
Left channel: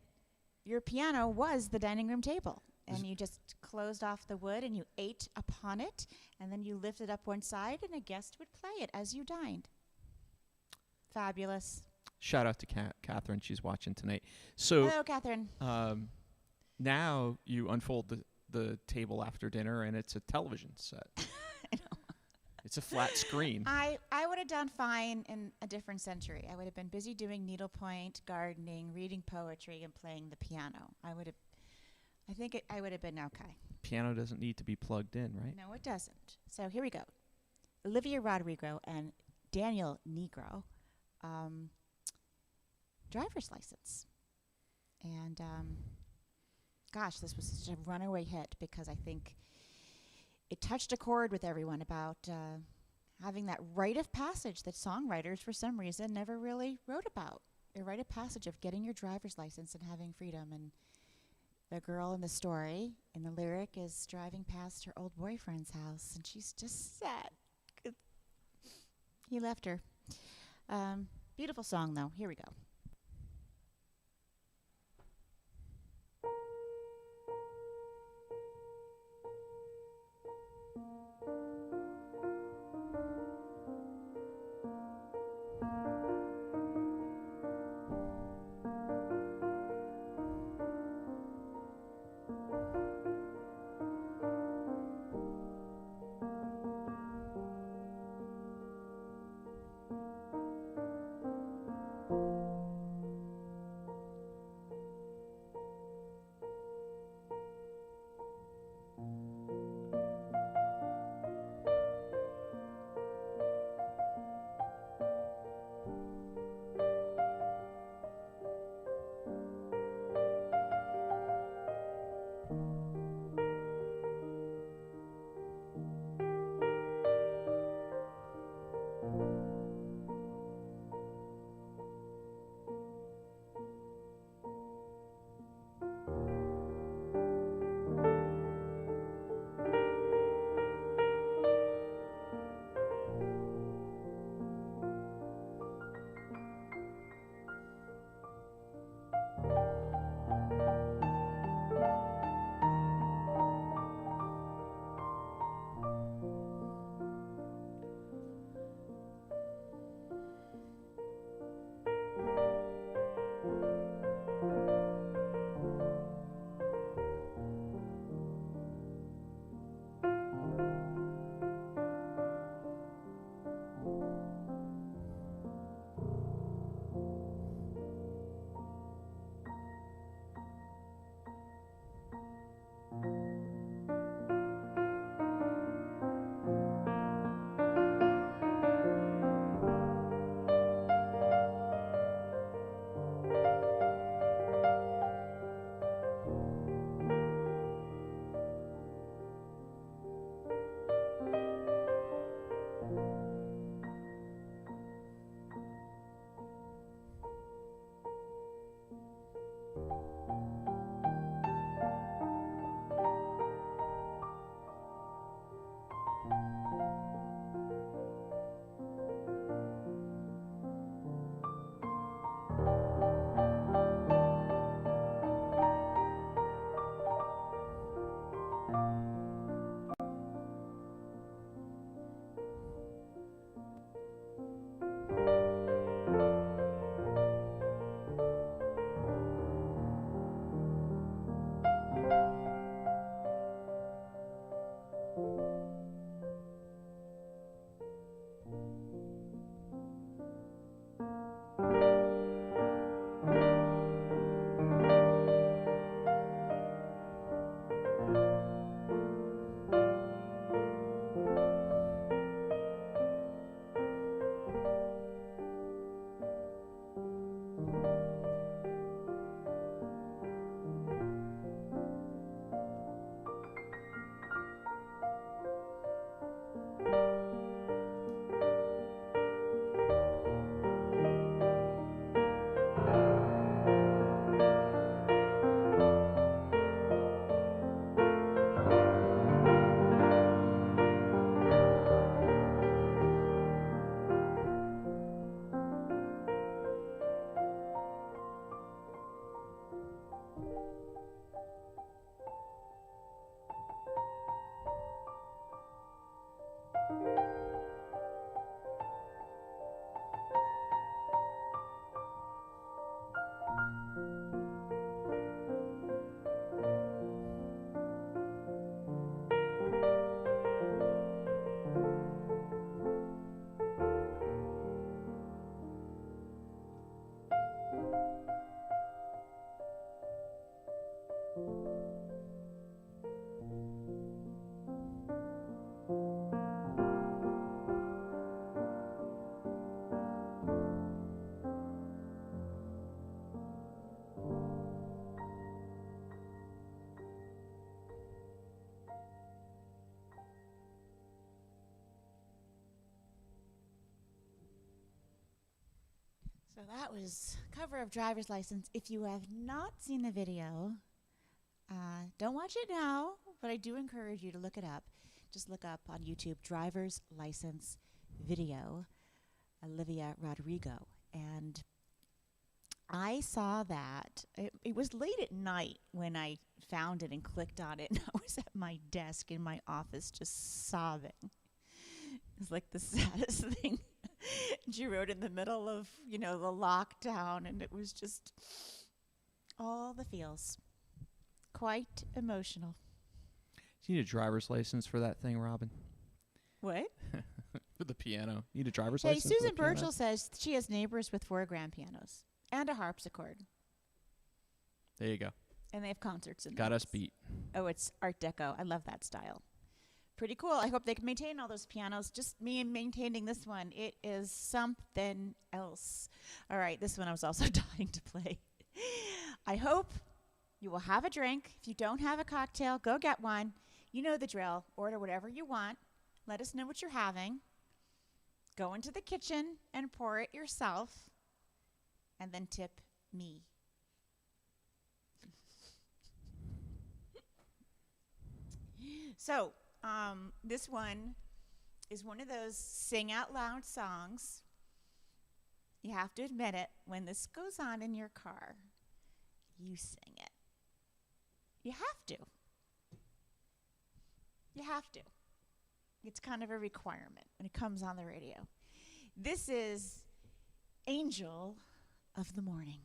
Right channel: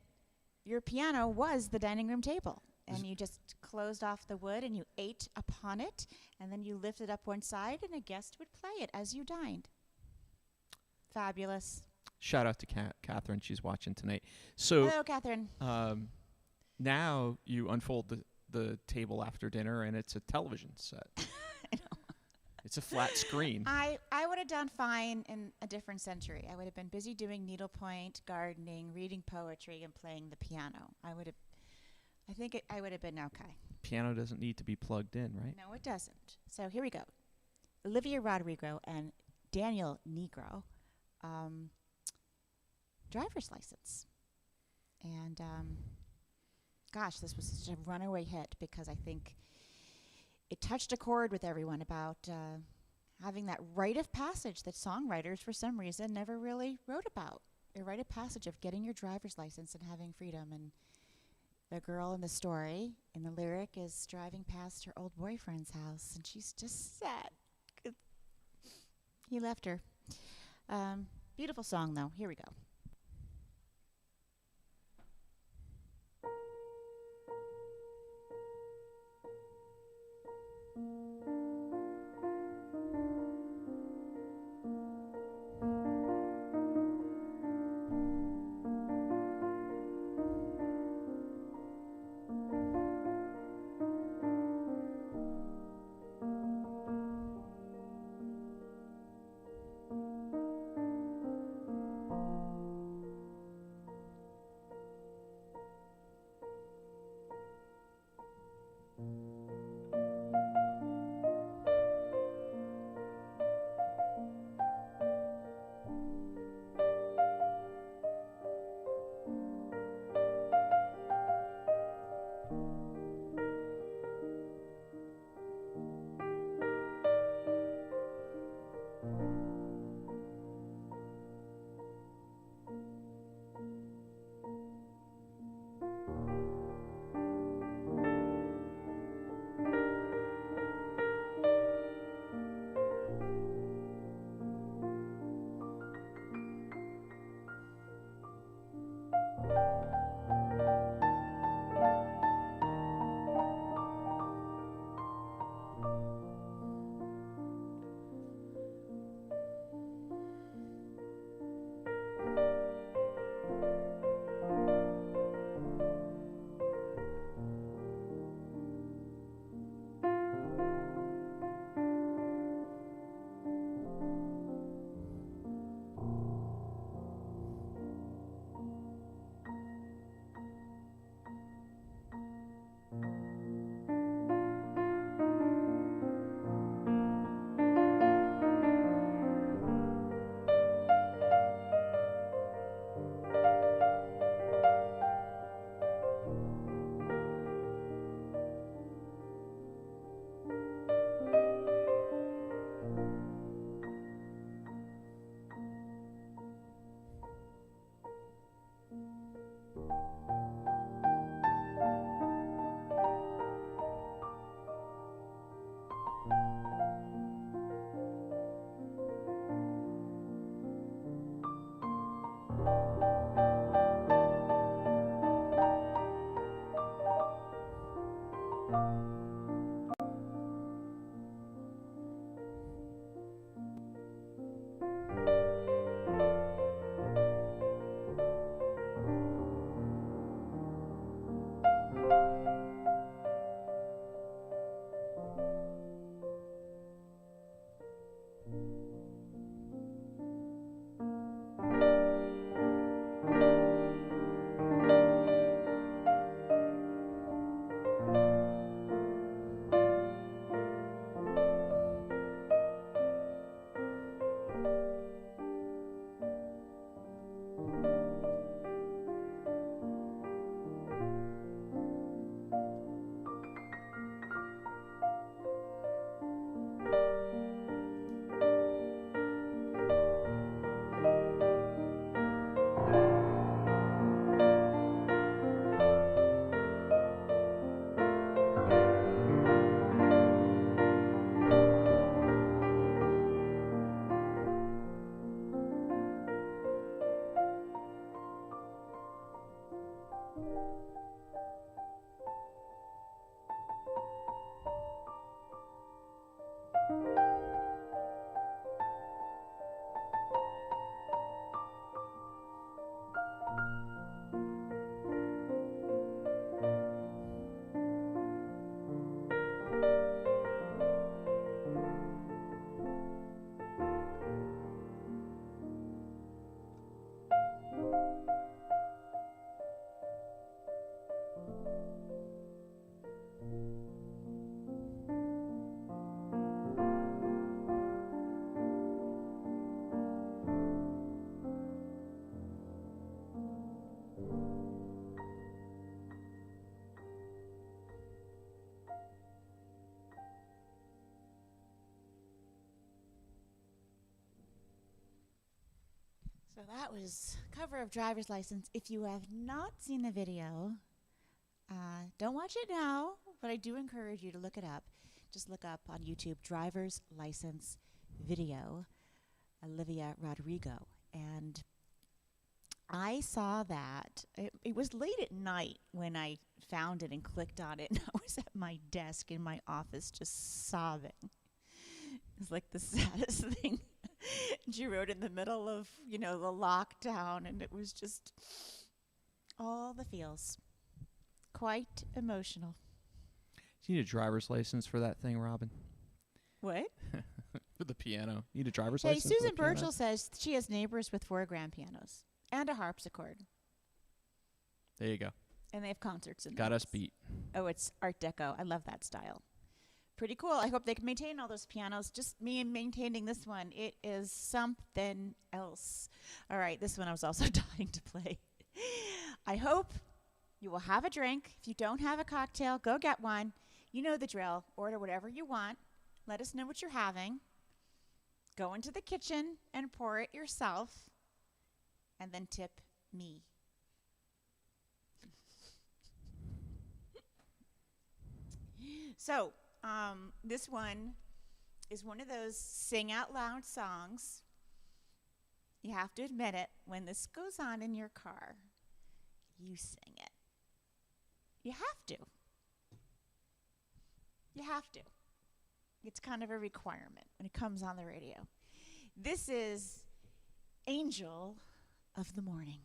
your piano was the dining room table. And you just closed off the wood and you ate upon it, and then you lifted up one side and a guest would play it as you dined. Fabulous. Shout out to Catherine. She's watching tonight. So hello, Catherine. Now you unfold the table after dinner, and it's a television set. I know. It's a flat screen. I would have done fine in a different century. I would have been busy doing needlepoint, gardening, reading poetry, and playing the piano. I would have been okay. Piano doesn't need to be plugged in, right? No, it doesn't. So here we go. Olivia Rodrigo and Daniel Negro, driver's license. And gosh, this was such a runaway hit because I think it touched a chord with everyone about having that rite of passage that songwriters, for some reason, never really wrote about. A rite of passage of getting your driver's license and having freedom. And the girl in the story, in the lyric, is driving past her old boyfriend's house, and she's just sad. He left her. Beautiful song, though. Here we go. So that was cover of driver's license. If you have not seen the video, don't watch it now, but I do encourage you to look it up. Just look up on YouTube, driver's license video, Olivia Rodrigo. And I saw that. It was late at night when I found it and clicked on it. And I was at my desk in my office just sobbing. It was like the saddest thing. She wrote in the middle of, the lockdown, and it was just all the feels. Quite emotional. You need a driver's license for that thing, Robin. What? For the piano. You need a driver's Hey, license Susan for the piano? Burchell says she has neighbors with 4 grand pianos and a harpsichord. There you go. And they have concerts in Got them. us beat. Oh, it's Art Deco. I love that style. Pretty cool. I hope they can maintain all those pianos. Just me maintaining this one. It is something else. All right, this one I was also dying to play. I hope you will have a drink. If you don't have a cocktail, go get one. You know the drill. Order whatever you want. Let us know what you're having. Go into the kitchen and pour it yourself. And then tip me. So, this one is one of those sing out loud songs. You have to admit it. When this goes on in your car, you sing it. You have to. You have to. It's kind of a requirement when it comes on the radio. This is Angel of the Morning.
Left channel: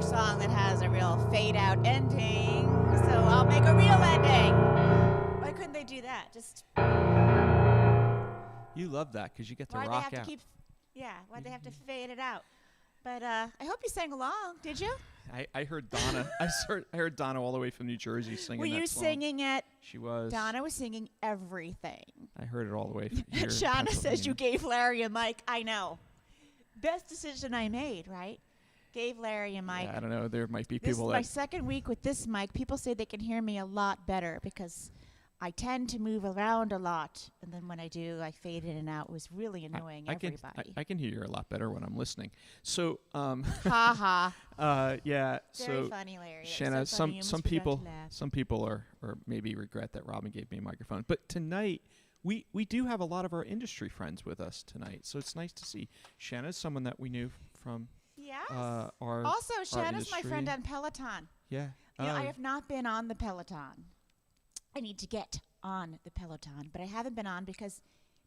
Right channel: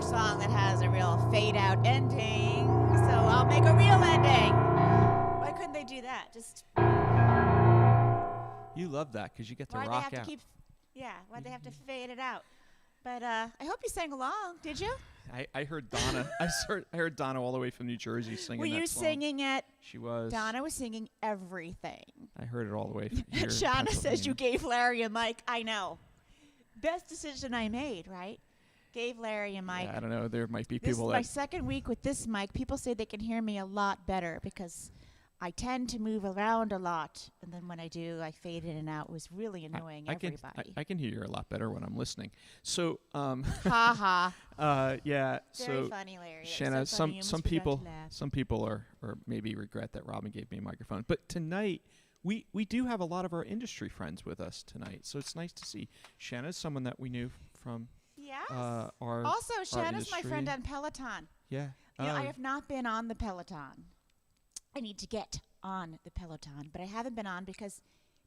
another song that has a real fade-out ending, so I'll make a real ending. Why couldn't they do that? Just You love that because you get to why'd they rock have out. to keep? Yeah, why'd they have to fade it out? But I hope you sang along. Did you? I heard Donna. I heard Donna all the way from New Jersey singing Were that you song. singing it? She was. Donna was singing everything. I heard it all the way from here. in Shauna says you Pennsylvania. gave Larry a mic. I know. Best decision I made, right? Gave Larry a mic. Yeah, I don't know. There might be This is people my that. second week with this mic. People say they can hear me a lot better because I tend to move around a lot, and then when I do, I fade in and out. It was really annoying everybody. I can hear you a lot better when I'm listening. So, Ha ha. yeah. Very So, funny, Larry. That was Shanna, so funny. You some almost forgot people to laugh. some people are or maybe regret that Robin gave me a microphone. But tonight we do have a lot of our industry friends with us tonight, so it's nice to see. Shanna's someone that we knew from Yes. our Also, Shanna's my friend industry. on Peloton. yeah. You know, I have not been on the Peloton. I need to get on the Peloton, but I haven't been on because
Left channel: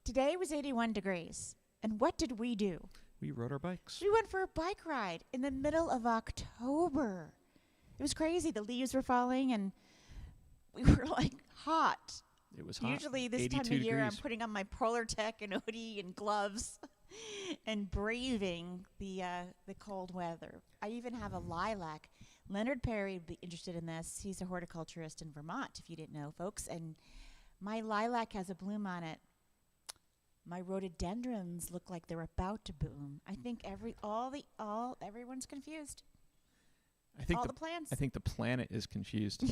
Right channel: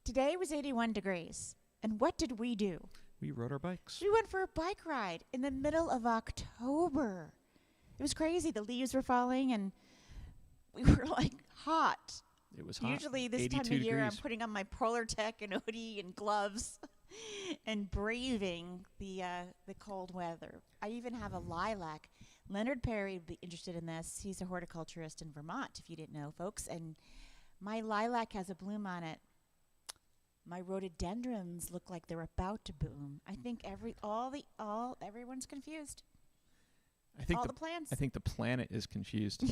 today was 81 degrees. And what did we do? We rode our bikes. We went for a bike ride in the middle of October. It was crazy. The leaves were falling and we were like hot. It was hot. Usually this 82 time of year I'm degrees. putting on my Polar Tech and hoodie and gloves and braving the cold weather. I even have a lilac. Leonard Perry would be interested in this. He's a horticulturist in Vermont, if you didn't know, folks. And my lilac has a bloom on it. My rhododendrons look like they're about to bloom. I think everyone's confused. I think All the the plants. I think the planet is confused.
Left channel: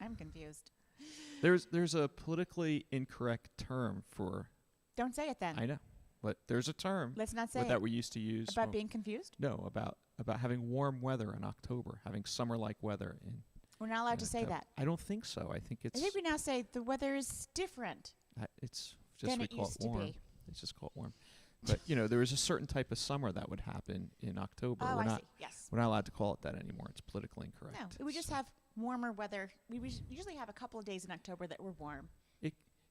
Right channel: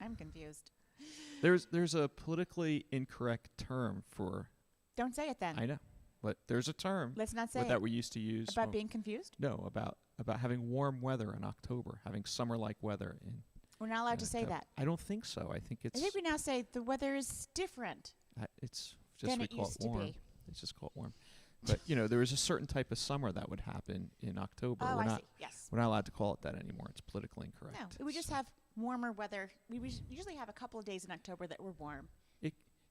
I'm confused. There's a politically incorrect term for. Don't say it then. I know, but there's a term Let's not say that it. we used to use About when- being confused? No, about having warm weather in October, having summer-like weather in. We're not allowed to say October. that. I don't think so. I think I it's think we now say the weather is different it's just than we it call used it to warm. be. It's just called warm. But there was a certain type of summer that would happen in October. Oh, we're I not see. Yes. we're not allowed to call it that anymore. It's politically incorrect. No, we just So have warmer weather. We usually have a couple of days in October that were warm.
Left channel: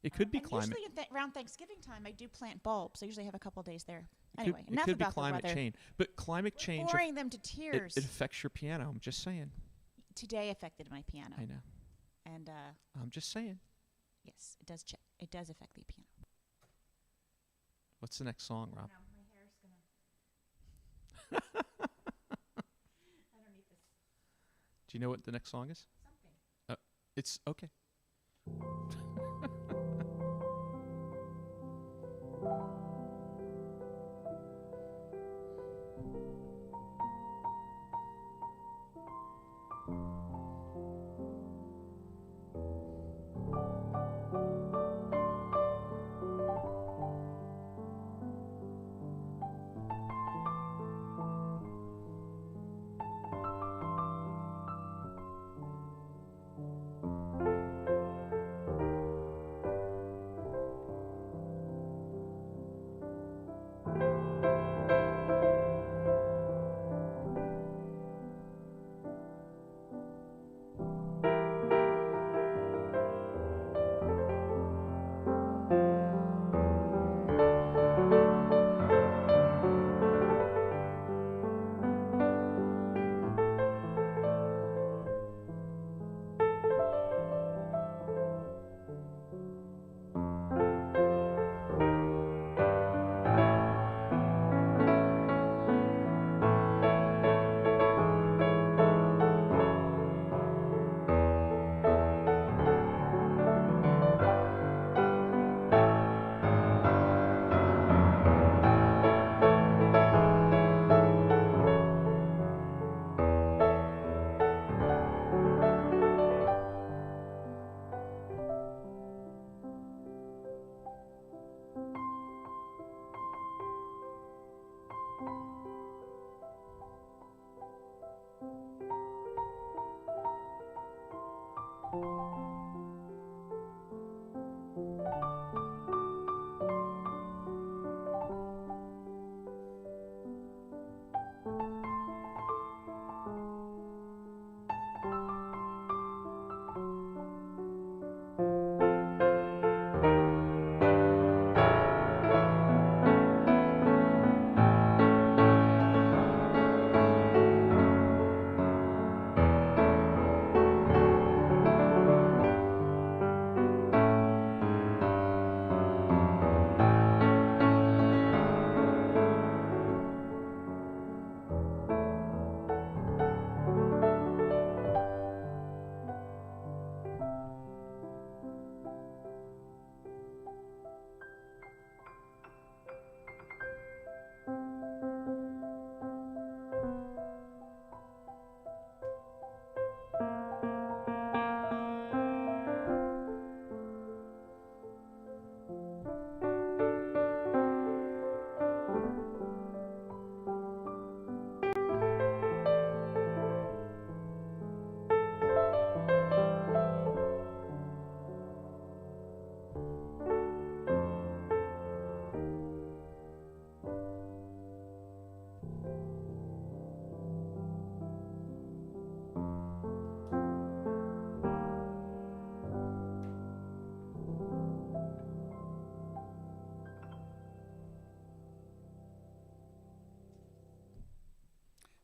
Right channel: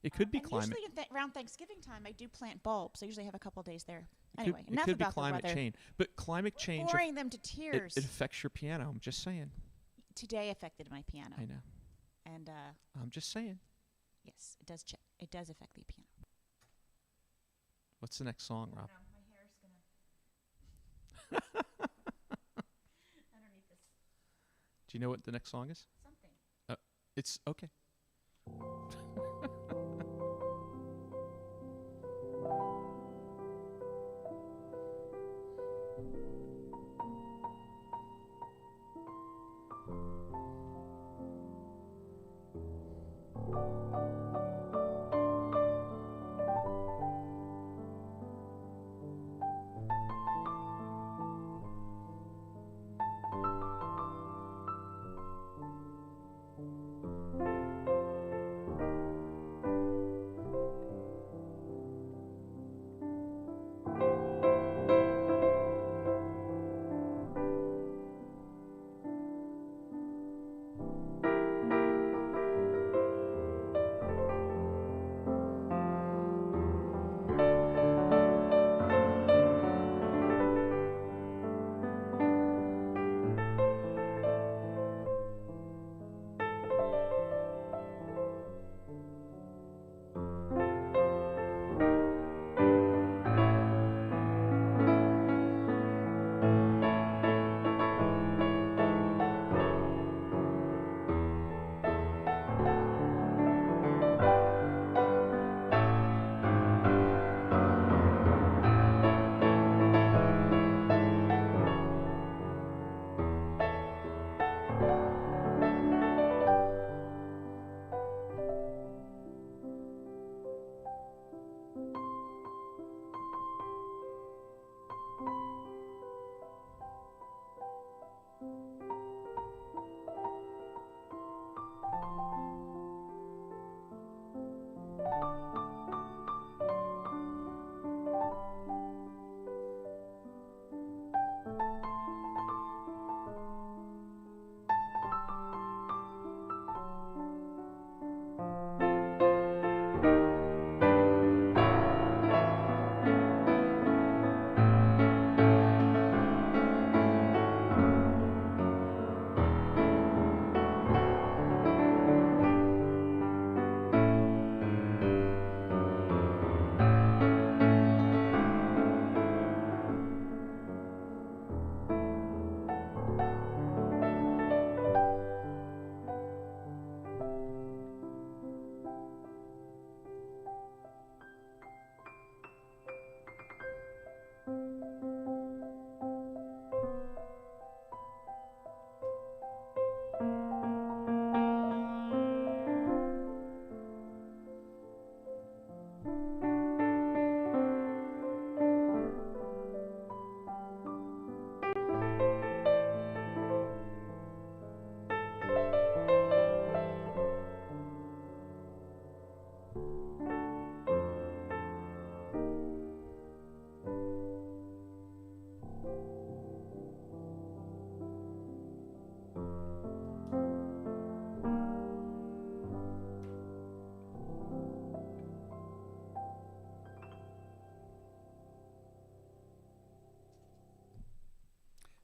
it could be and climate. Usually around Thanksgiving time, I do plant bulbs. I usually have a couple of days there. It Anyway, could, enough it could be about climate the weather. change. But climate change Boring them to it tears. affects your piano. I'm just saying. Today affected my piano, I know. and I'm just saying. yes, it does. It does affect the piano. What's the next song, Rob? Do you know what the next song is? It's okay.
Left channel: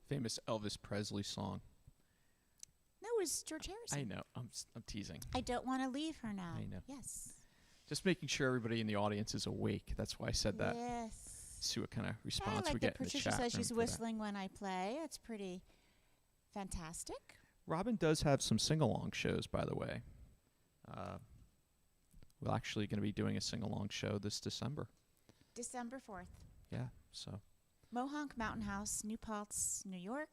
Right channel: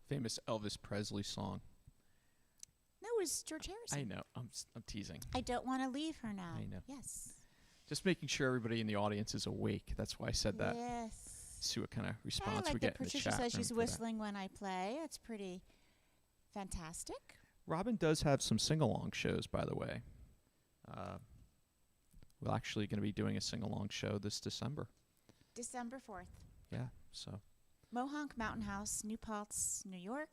famous Elvis Presley song. No, it was George Harrison. I know. I'm teasing. I don't want to leave her now. I know. Yes. Just making sure everybody in the audience is awake. That's why I said that. Yes. See what kind of I response like we that get in the Patricia chat says room she's for that. whistling when I play. That's pretty fantastic. Robin does have some sing-along shows, by the way. We're actually going to be doing a sing-along show this December. December 4th. Yeah, so Mohonk Mountain House, New Paltz, New York.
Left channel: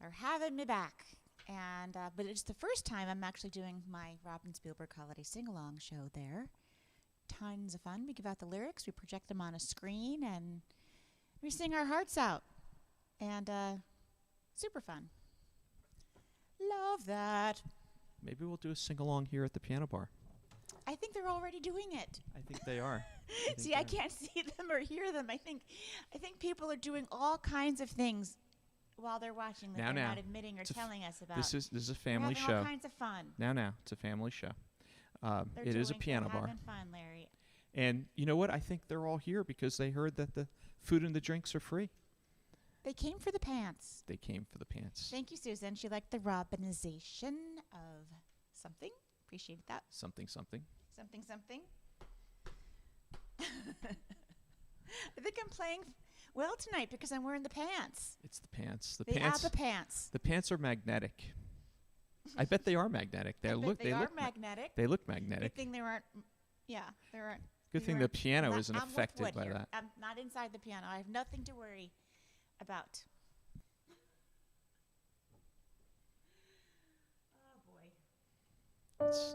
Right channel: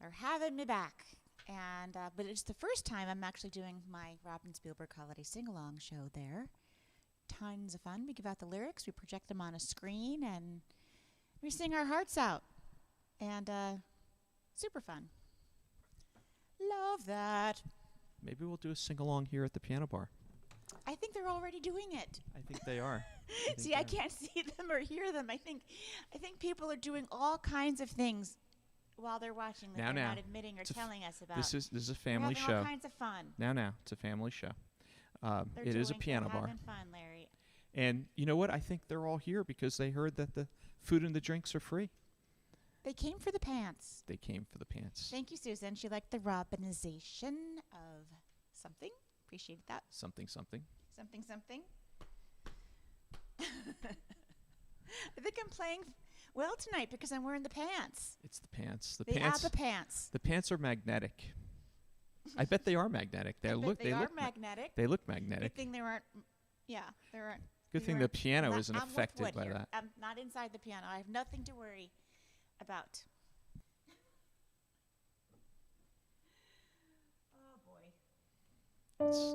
They're having me back. And but it's the first time I'm actually doing my Robin Spielberg holiday sing-along show there. Tons of fun. We give out the lyrics, we project them on a screen, and we sing our hearts out. And super fun. Love that. maybe we'll do a sing-along here at the piano bar. I think they're already doing it. I think they are. See, I can't see them or hear them. I think people are doing all kinds of things while they're watching that they're not admitting or telling us about. This is a family having show. All kinds of fun. Now, it's a family show. It is a piano bar. Having fun, Larry. And you know what? I think they're all here because they heard that the food and the drinks are free. They came for the pants. They came for the pants. Thank you, Susan. She liked the Robinization of something. Appreciated that. Something. Something. I think I'm playing well tonight because I'm wearing the pants. It's the pants. The ABBA pants. The pants are magnetic. I bet they are magnetic. They look magnetic. They look magnetic. Good thing there aren't. Yeah, there aren't. Good thing the piano isn't I'm affected with wood by here. that. I'm not inside the piano. I have nothing to worry about. Oh boy. It's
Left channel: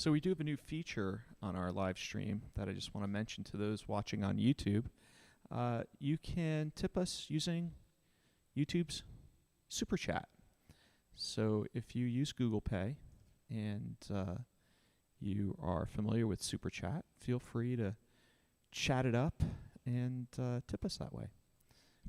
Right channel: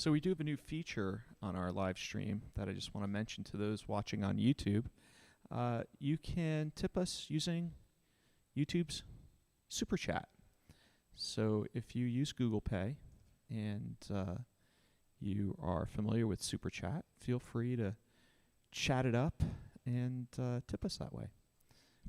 So we do have a new feature on our live stream that I just want to mention to those watching on YouTube. You can tip us using YouTube's Super Chat. So if you use Google Pay and you are familiar with Super Chat, feel free to chat it up and tip us that way.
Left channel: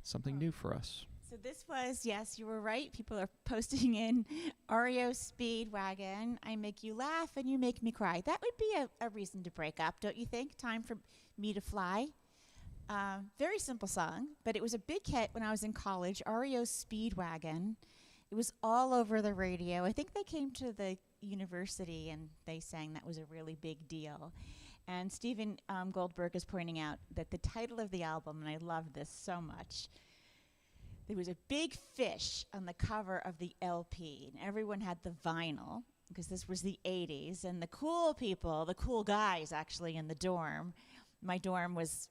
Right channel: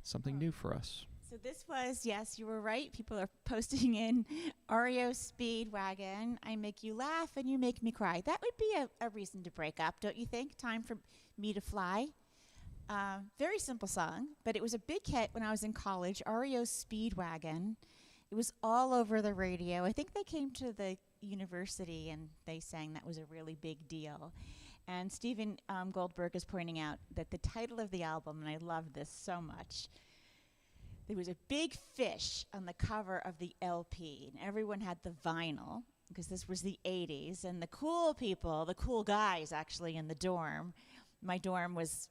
Something new for us. So this was, yes, you were right. People are posting in REO Speedwagon. I make you laugh and you make me cry. That would be a reason to break up, don't you think? Time for me to fly. Very simple song, but it was a big hit when I was in college. REO Speedwagon. It was all over the radio. I think they came to the university and they sang that was a really big deal. And Stephen Goldberg is pointing out that the title of the album, and I love this so much, there was a big fish on the cover of the LP, and everyone had the vinyl because this was the 80s. And the cool people, the cool guys actually in the dorm, my dorm was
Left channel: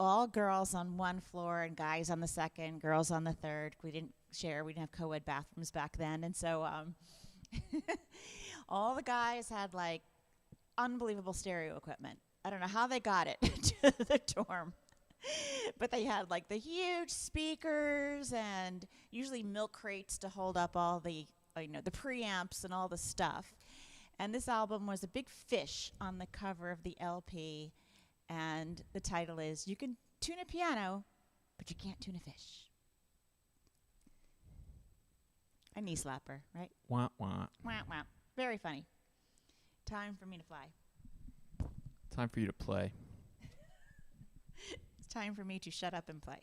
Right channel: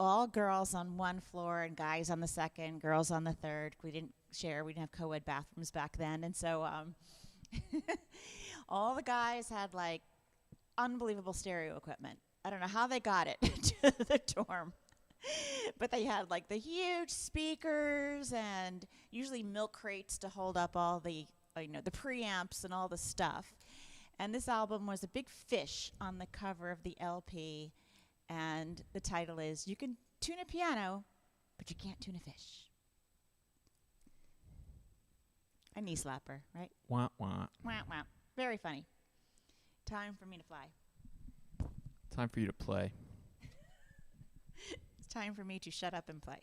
all girls on one floor and guys on the second, girls on the third. We didn't share. We didn't have co-ed bathrooms back then. And so all the guys had like unbelievable stereo equipment. I don't know how they got it to the dorm. But they had like the huge speakers and usually milk crates to hold up all the, the preamps and all the stuff. And this album was a big fish on the cover of the LP. And the title is, You Can Tune a Piano, but You Can't Tune a Fish. A knee slapper, right? Wah, wah. Wah, wah. Very funny. Time for me to fly. Time for you to play. It's time for me to shut up and play.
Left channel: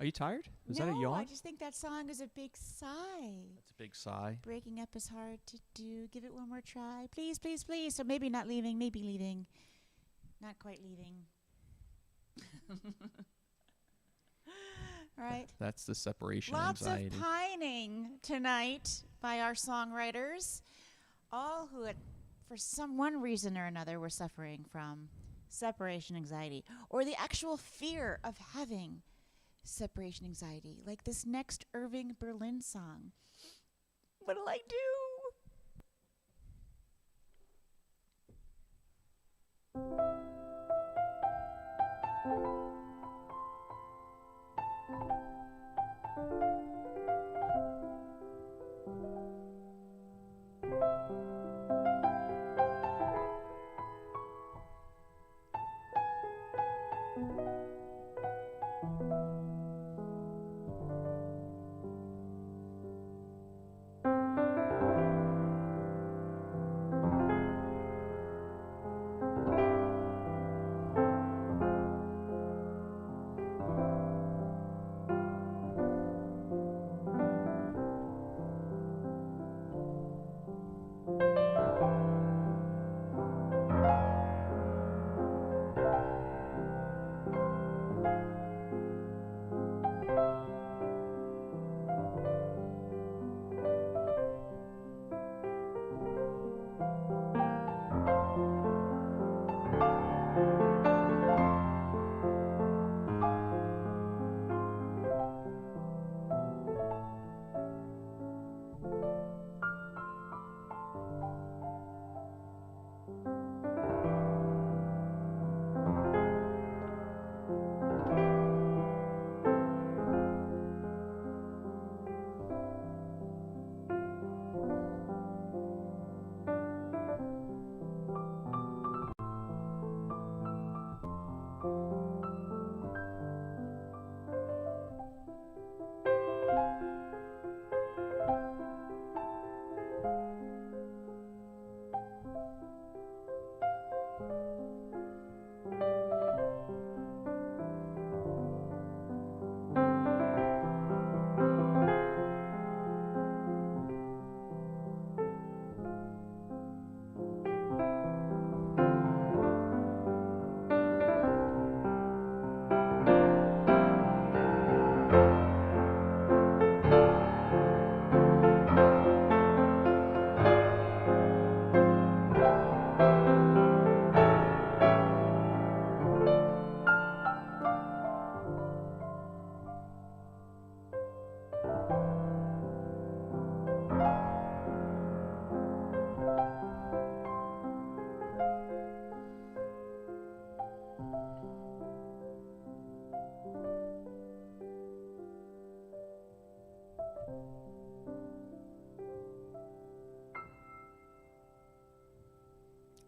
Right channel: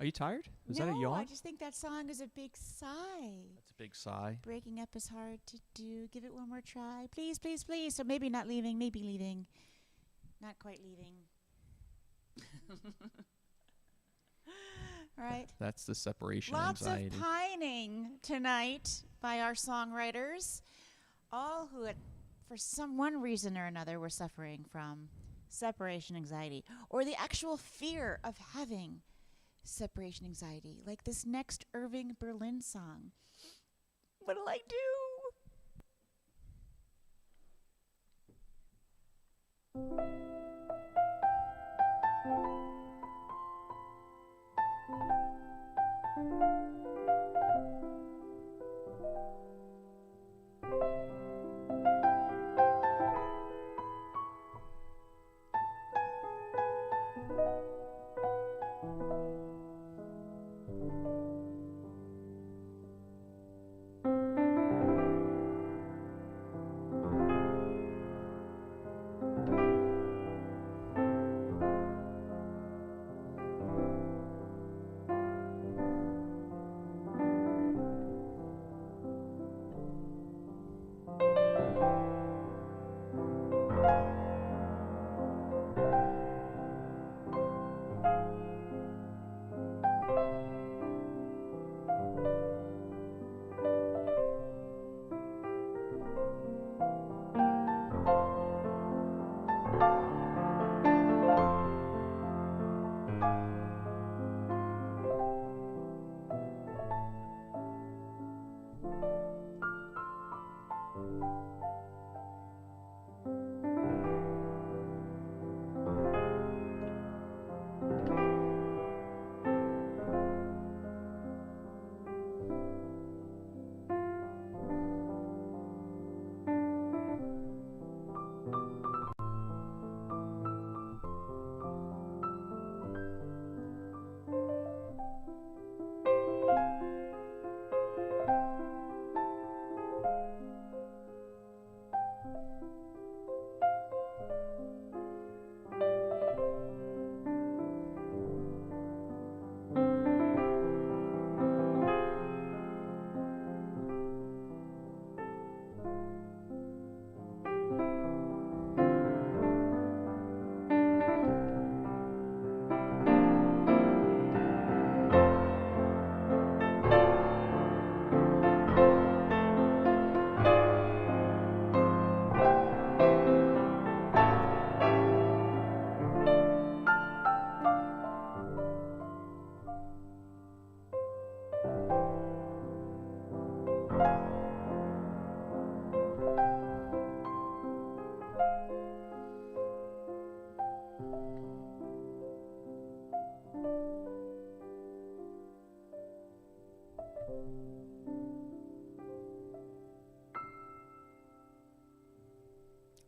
Are you tired? Is no, that a yawn? I just think that song is a big sigh. That's a big sigh. Breaking up is hard to do. Give it one more try. Please, please, please. So maybe not leaving, maybe leaving. Not quite leaving. Right. That's the separation Lots anxiety. of pining tonight by our songwriters, all who, for one reason or another, were suffering from separation anxiety or the actual fear of having separation anxiety, like this next Irving Berlin song. What'll I do?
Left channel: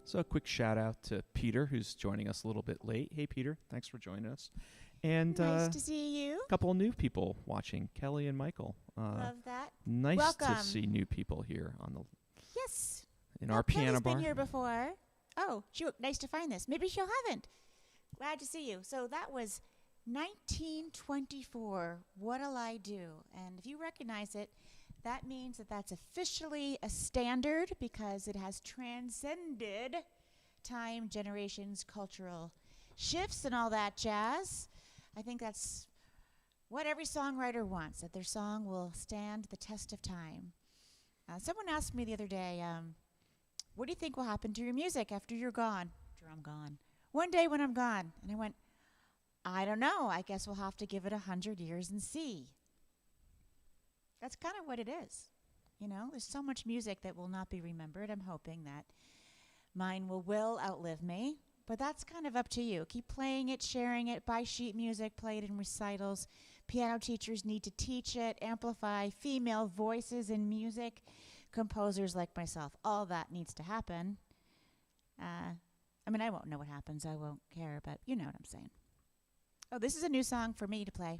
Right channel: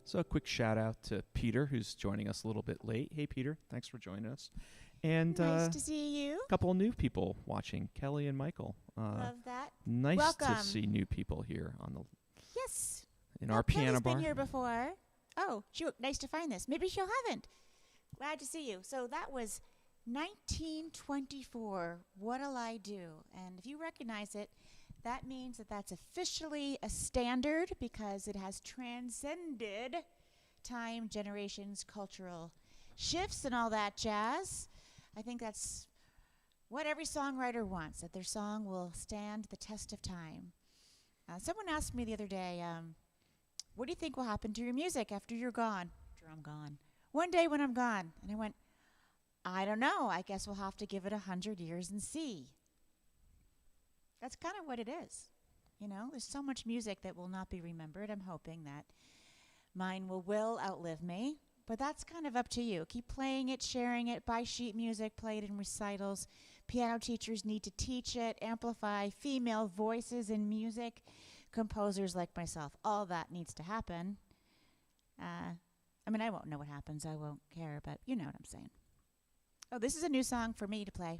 So a quick shout out to Peter, who's joining us a little bit late. Hey, Peter, thanks for joining us. And Nice to see you. a couple of new people watching, Kelly and Michael. Love that. Nice Welcome. to see new people here on the Yes. in our piano Kelly's bar. been here before. Oh, shoot. Nice to find this. Maybe she haven't. Glad to see you. So that was 1924. What'll I do? And if you recognize it, that means that that's officially a standard because it has transcended time, generations, cultural shifts, and all that jazz. I think that's what every songwriter wants, that their song will stand the test of time. Someone asked me the other day, what do you think will happen to your music after you're gone? After I'm gone. One day when I'm gone. And I went, I don't know. I guess we'll have to give it 100 years and see. That's kind of what it is. You know, there's so much music that will not be remembered. I'm hoping that mine will outlive me. But that's kind of up to you. Keep playing it, sharing it, buy sheet music, play it in recitals. Piano teachers need to teach it, amplify female voices in music, composers like myself. All that needs to happen. I mean, I won't know what happens. I won't care, but you know what I'm saying. Oh, this is a new song for me to play.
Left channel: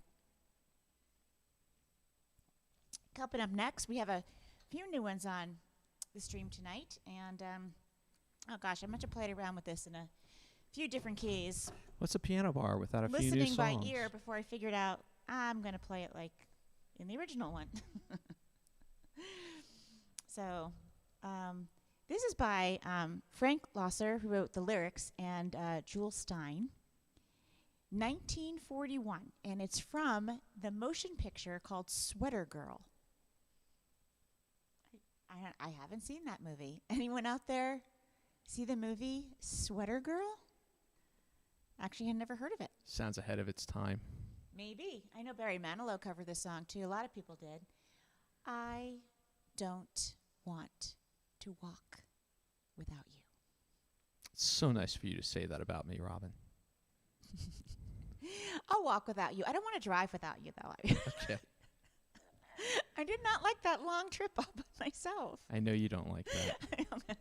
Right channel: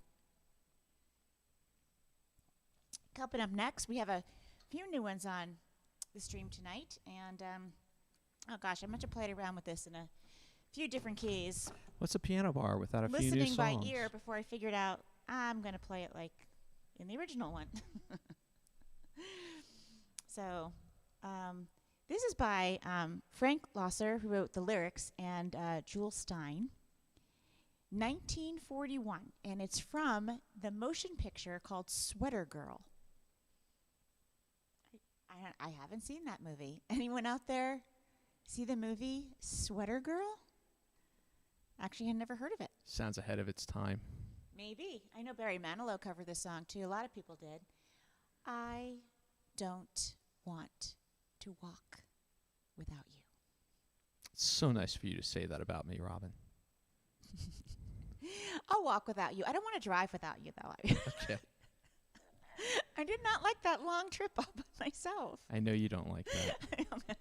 Coming up next, we have a few new ones on the stream tonight. And, oh gosh, I meant to play around with this in a few different keys. What's a piano bar without a few new Listening songs? by ear before I figured out I'm going to play it like in the original one. So, this is by Frank Loesser, who wrote the lyrics, and Jules Stein. 1941, and it's from the motion picture called Sweater Girl. I haven't seen that movie. Anyone out there see the movie Sweater Girl? Actually, I never heard of it. Sounds ahead of its time. Maybe. I know Barry Manilow covered this song, too. A lot of people did. I don't want to walk without you. It's so nice for you to say that about me, Robin. I'll walk without you. I don't want to drive without you, though. Okay. I did not like that long trip all by myself. I know you don't like that.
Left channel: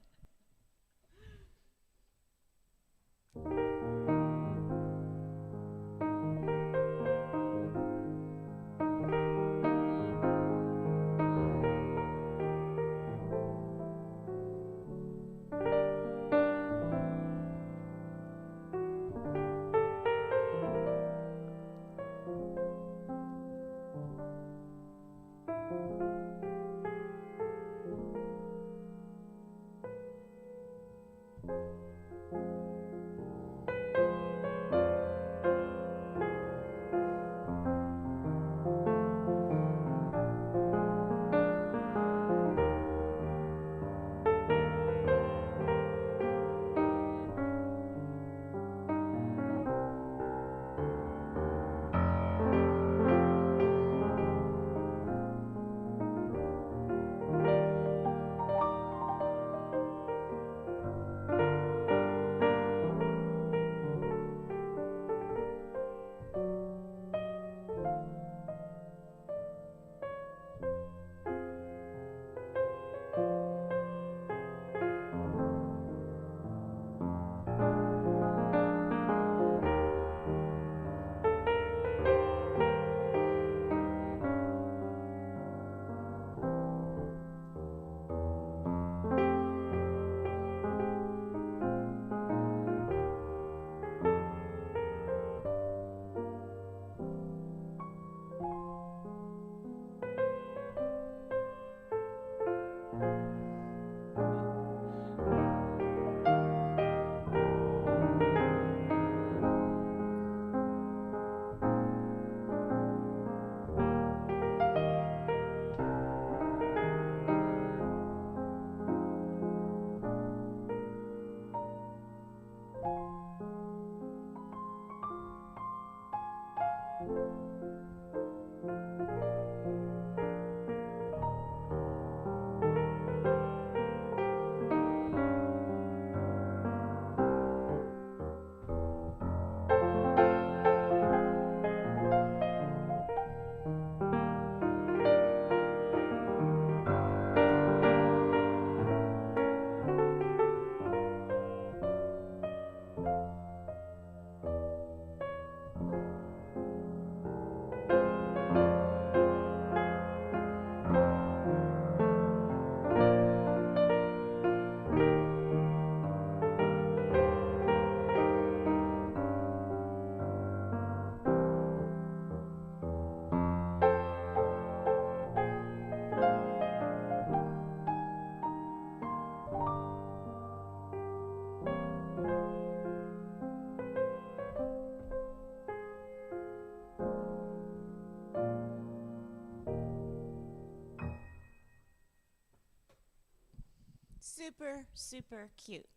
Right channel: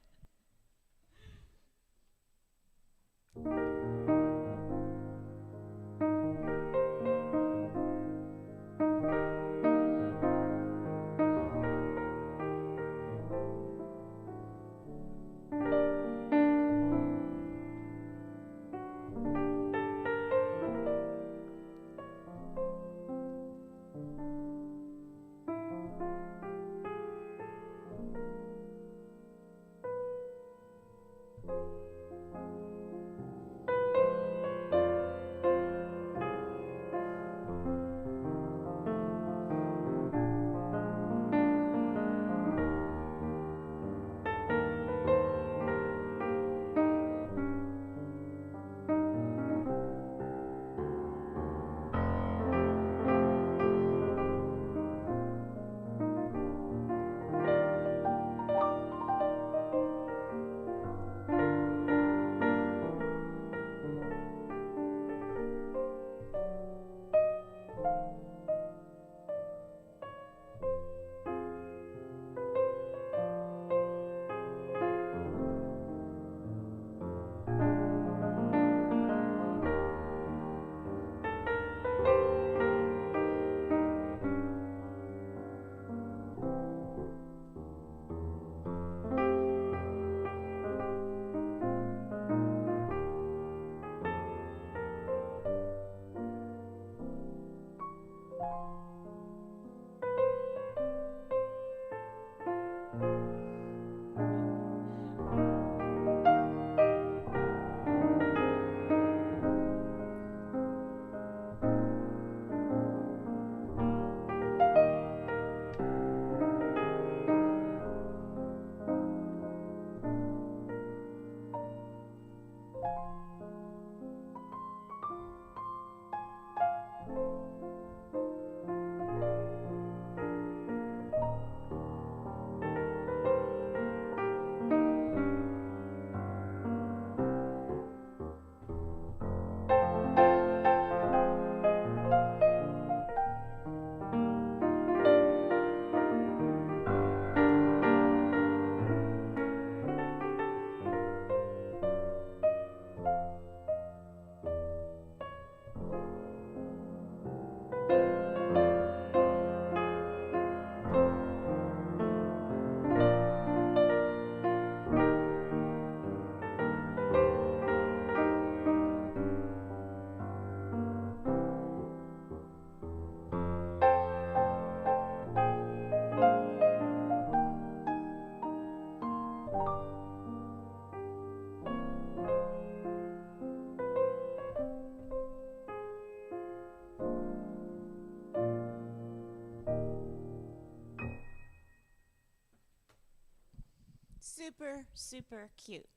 Super, super cute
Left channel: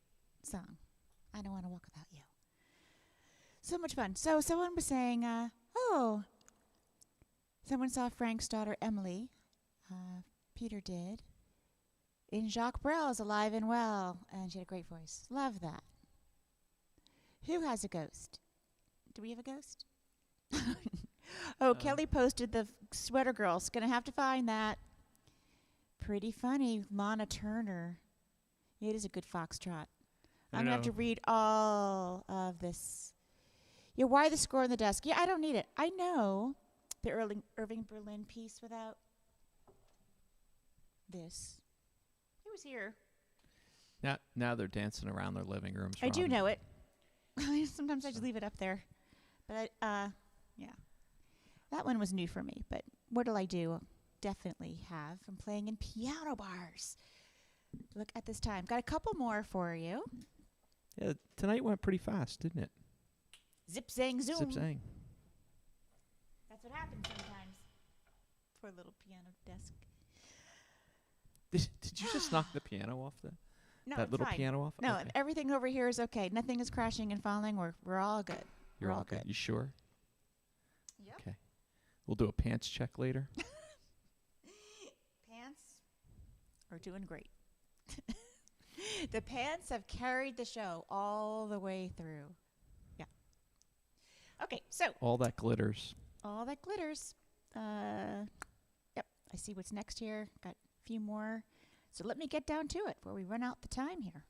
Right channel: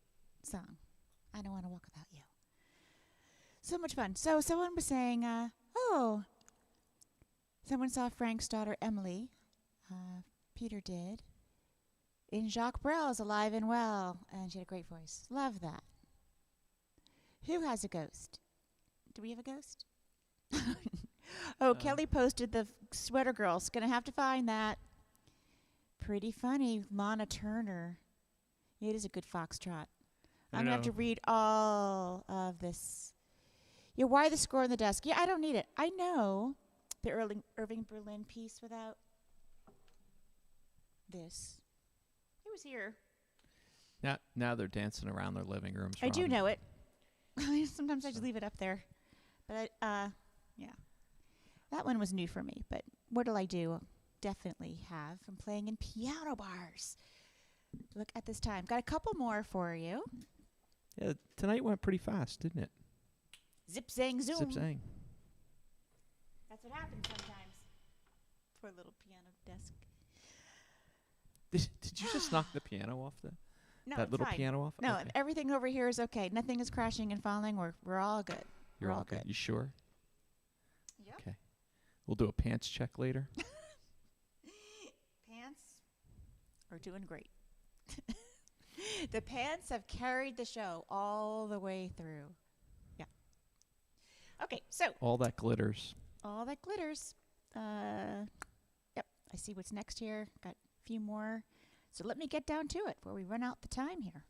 song. I don't want to walk without you. So much fun. So someone was saying, someone saw Frank's daughter Emily, Peter did, in Jacques Brel's Alive and Well, and she had a great voice. Love that. Who has a ghost? Do we have a ghost? Kelly posted the Sweater Girls. Gonna have to find that. Pretty funny. Lana Turner. It is a good foxtrot. I'm going to have to read all of this. Yeah, why the score on the desk? Yeah, I don't need it. I know the Irving Berlin piece without this. It was here. Now they're dancing around their living rooms. I do know it. Sometimes I just leave it up there. But, yeah. That one was new for me, but what'll I do? Definitely have from playing in piano bars. Look at this time. Got a couple more for you. Yeah, tonight went pretty fast, didn't it? Zip, zang, zoom. Zip zang. That's what happens sometimes. Poor little piano desk. Did you just knock the piano off No, that it's little fine. piano off? No, Okay. everything over here is okay. Nothing is crashing and falling. We're all good. You're We're all good. You sure? Yep. Okay. We'll do a pants check later. Pants are doing great. The pants have carried the show all the way through. Yeah. Okay, so All that glitters. all that glitters. Yep, I see what's next here. Got a few more. So let me get down to it before we run out the time here.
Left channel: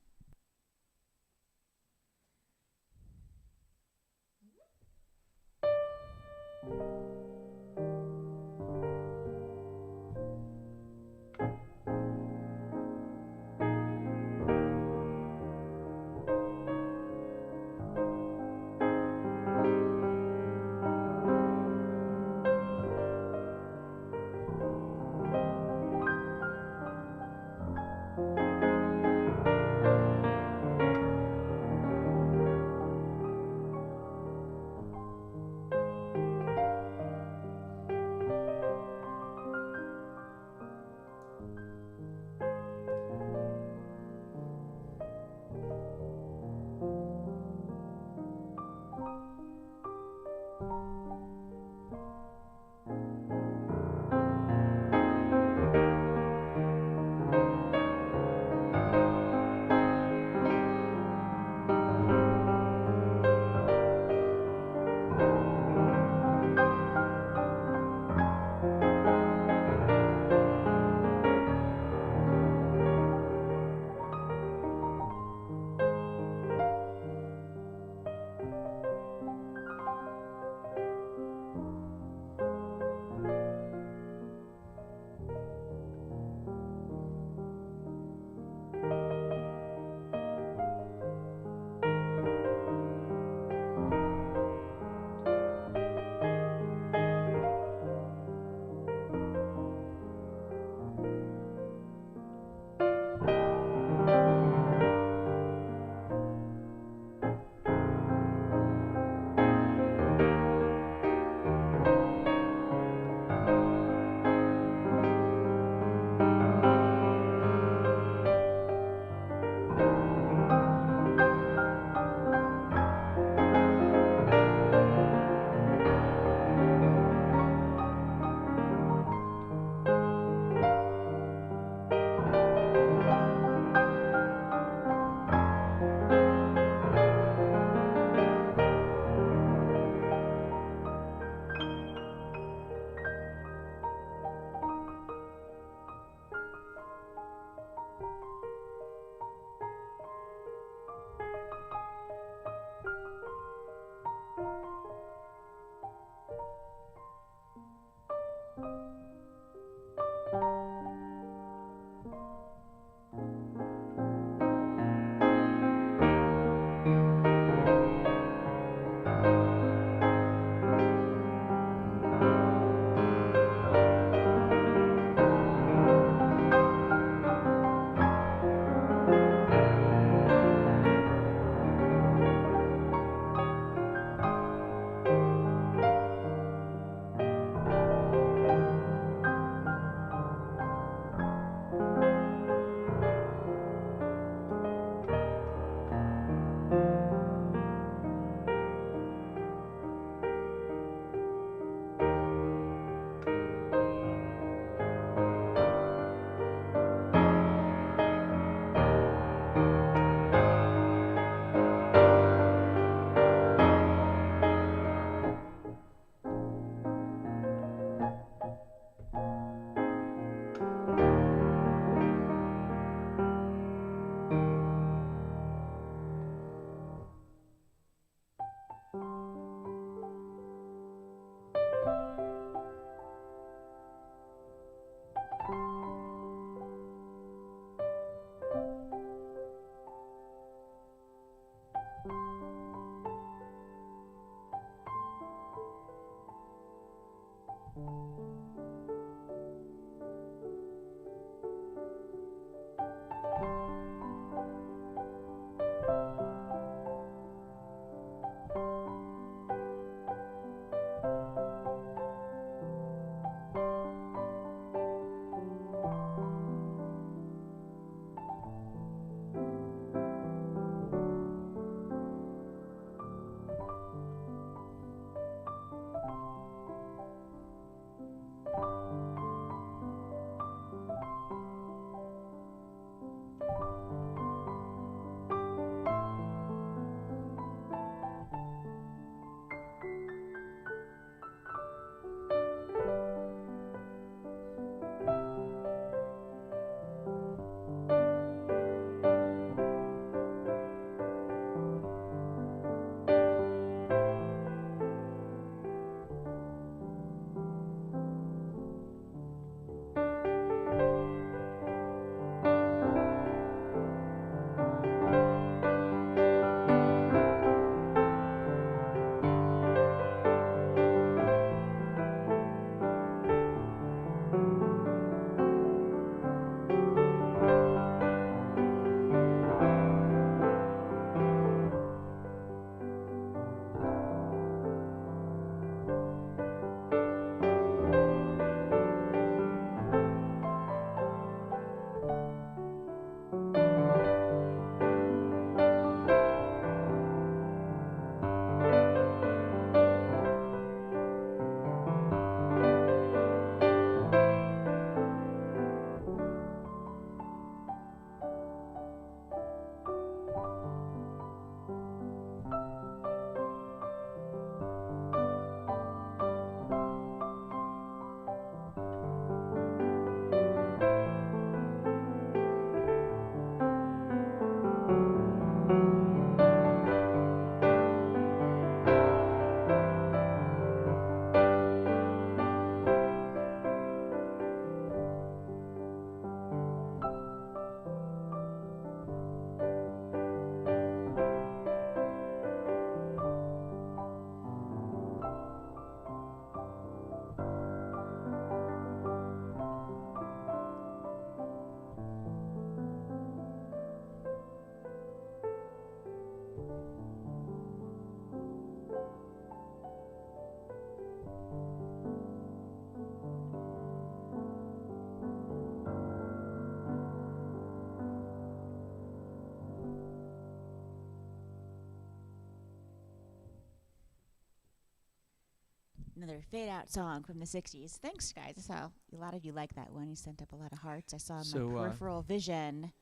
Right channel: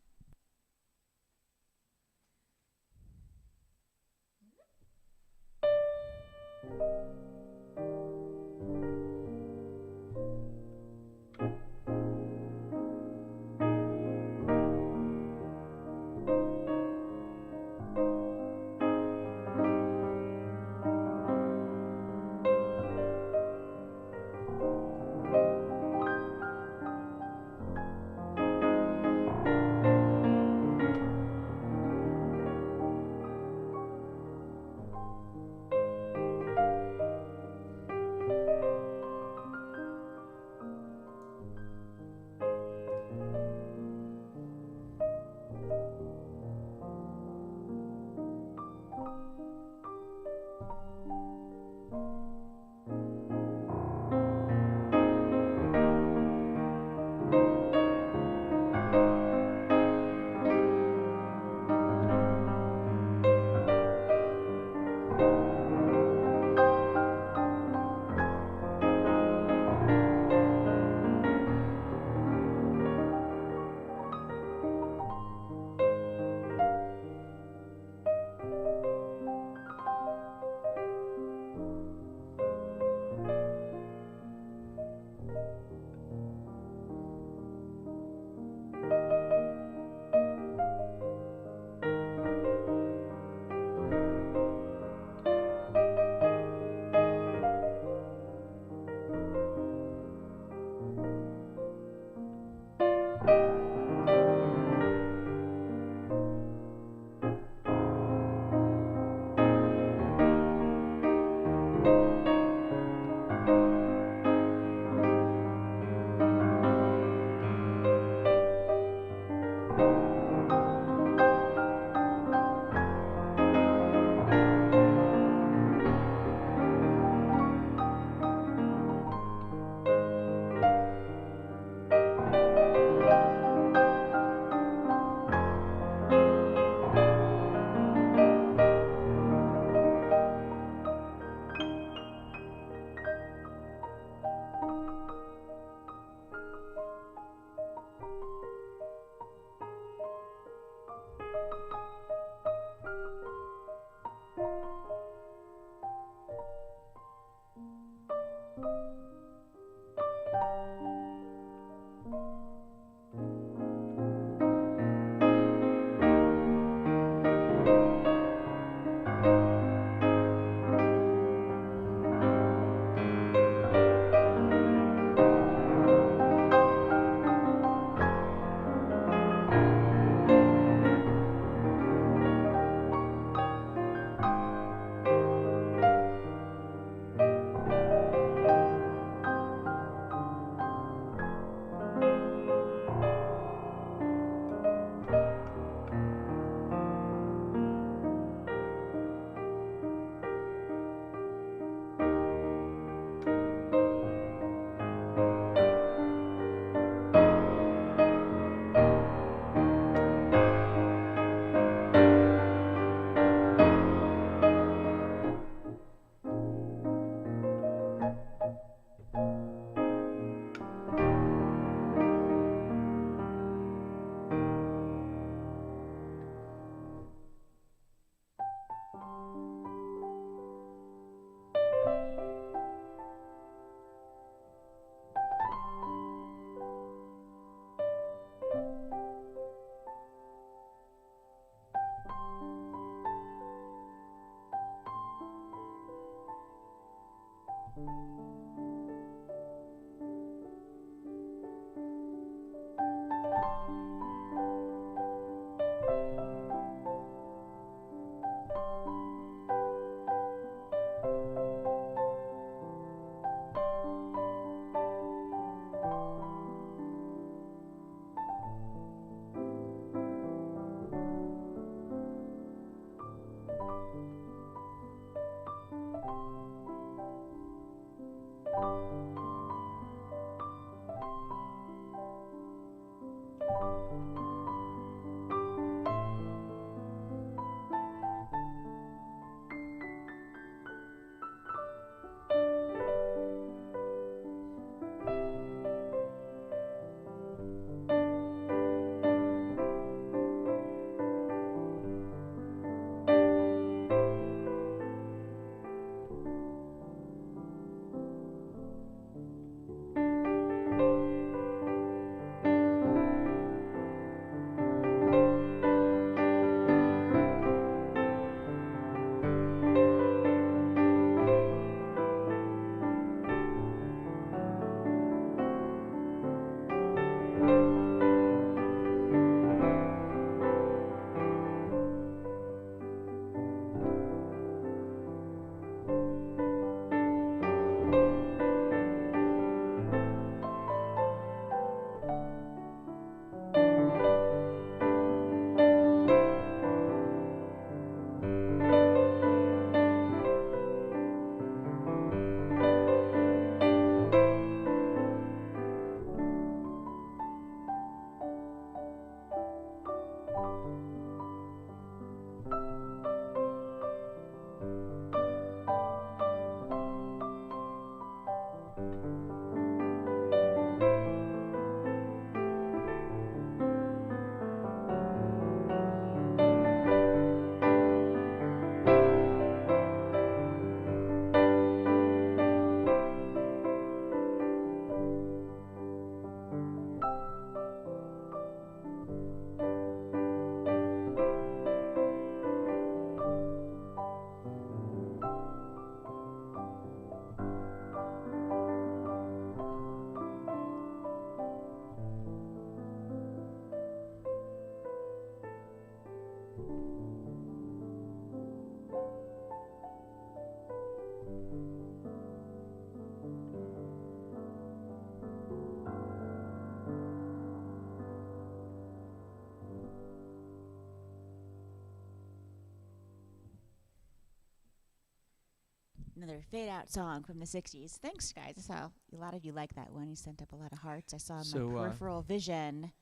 Another fade out song from the 60s. Thanks, guys. I saw a lot of you like that one. You sent up a lot of hearts. I saw So, my peripheral vision.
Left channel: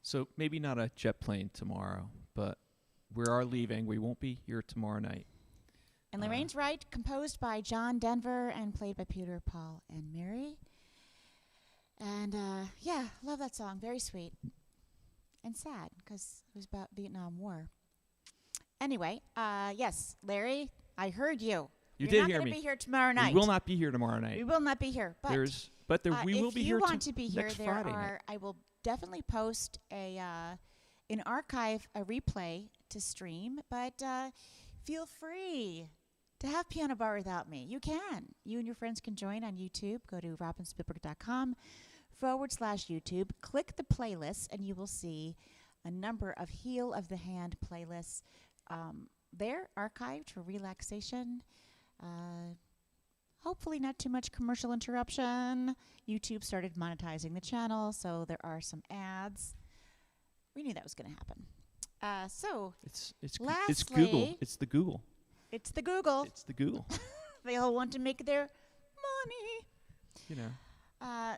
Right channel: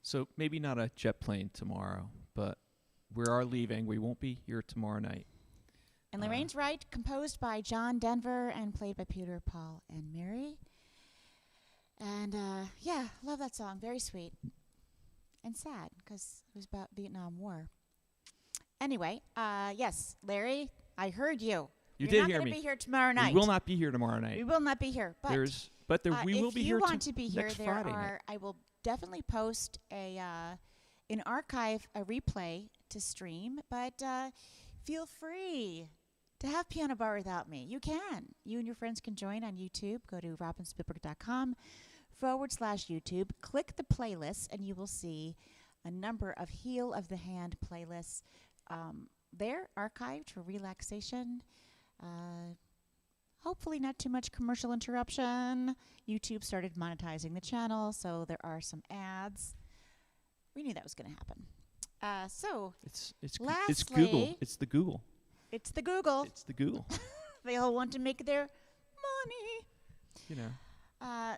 So maybe not a jet plane tomorrow, but we are leaving. We won't be here tomorrow night. And Lorraine's right, composed by John Denver and played by Peter, Paul, and Mary. And yeah, love that song. Very sweet. And sad, because it was about Vietnam War. Anyway, yes, Larry, I heard you. You You're did not hear gonna me. be here tomorrow night. We will not be here tomorrow night. We will not be here. But we will be here if you want to be here, next there Friday are. night. I will definitely post an archive, a replay to stream. But feel free to have Piano Bar without me. You can. You and your friends can join on YouTube. Go to robinspielberg.com/YouTube. Click the playlists, and you will see a number of Heel of the Hand playlists. They're archived for relaxation. Hopefully not too much commercial interruption. YouTube started monetizing the channel, so there are some ads. We knew that was going to happen. So It's lastly, Google. It's the Google. It's the Google. It's the Google. They all want to make their money. You know.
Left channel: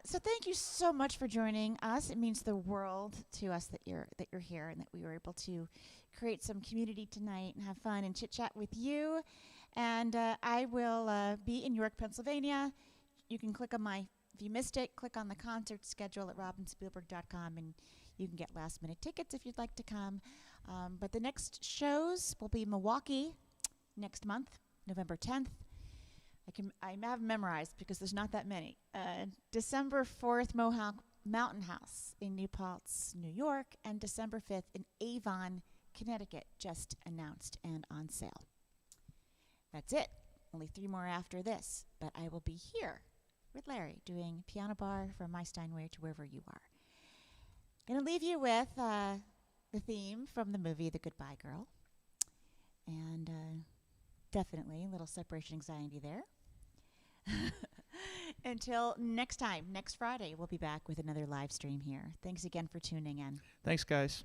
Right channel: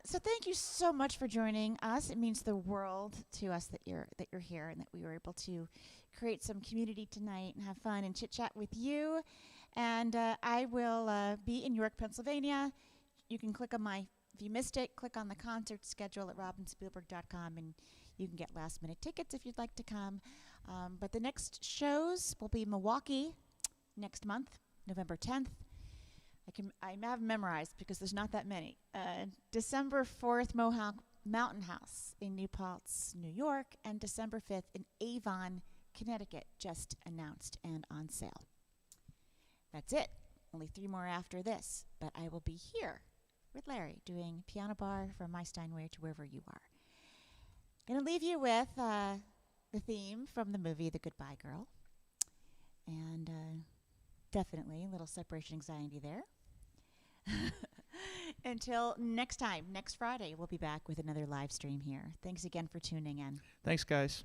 So thank you so much for joining us. It means the world to us that you're here and that we were able to create some community tonight and have fun and chit chat with you. And I will be in York, Pennsylvania. You can click on if you missed it, click on the concert schedule at robinspielberg.com and you can get last minute tickets if you'd like to come. But the next shows will be Milwaukee next month, November 10th. I have memorized because there's not that many. December 4th, Mohawk Mountain House in New Paltz, New York, and December 5th in Avon, Connecticut, just announced and on sale. That's it. Only 3 more after this, but I will be here with Larry doing Piano Bar from my Steinway to wherever you are. Going to leave you with the theme from the movie The Goodbye Girl, and definitely a little separation anxiety there. Until next time, next Friday, we'll be back with another live stream here. Thanks again for tuning in. Thanks, guys.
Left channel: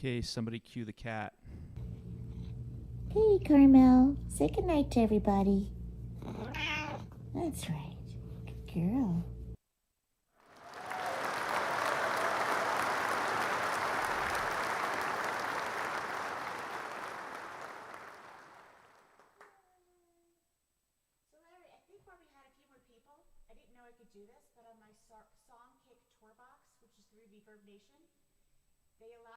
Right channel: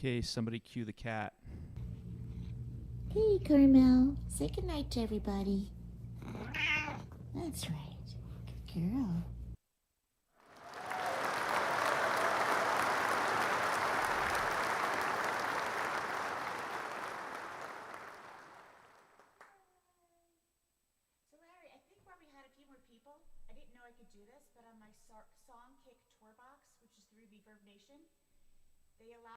Okay, somebody cue the cat. Hey, Carmel. Say goodnight to everybody. That's right. Good girl. So Larry, I think where we had a few more people, I didn't know I could do this, but on my song kick tour box, which is through Reverb Nation, they allow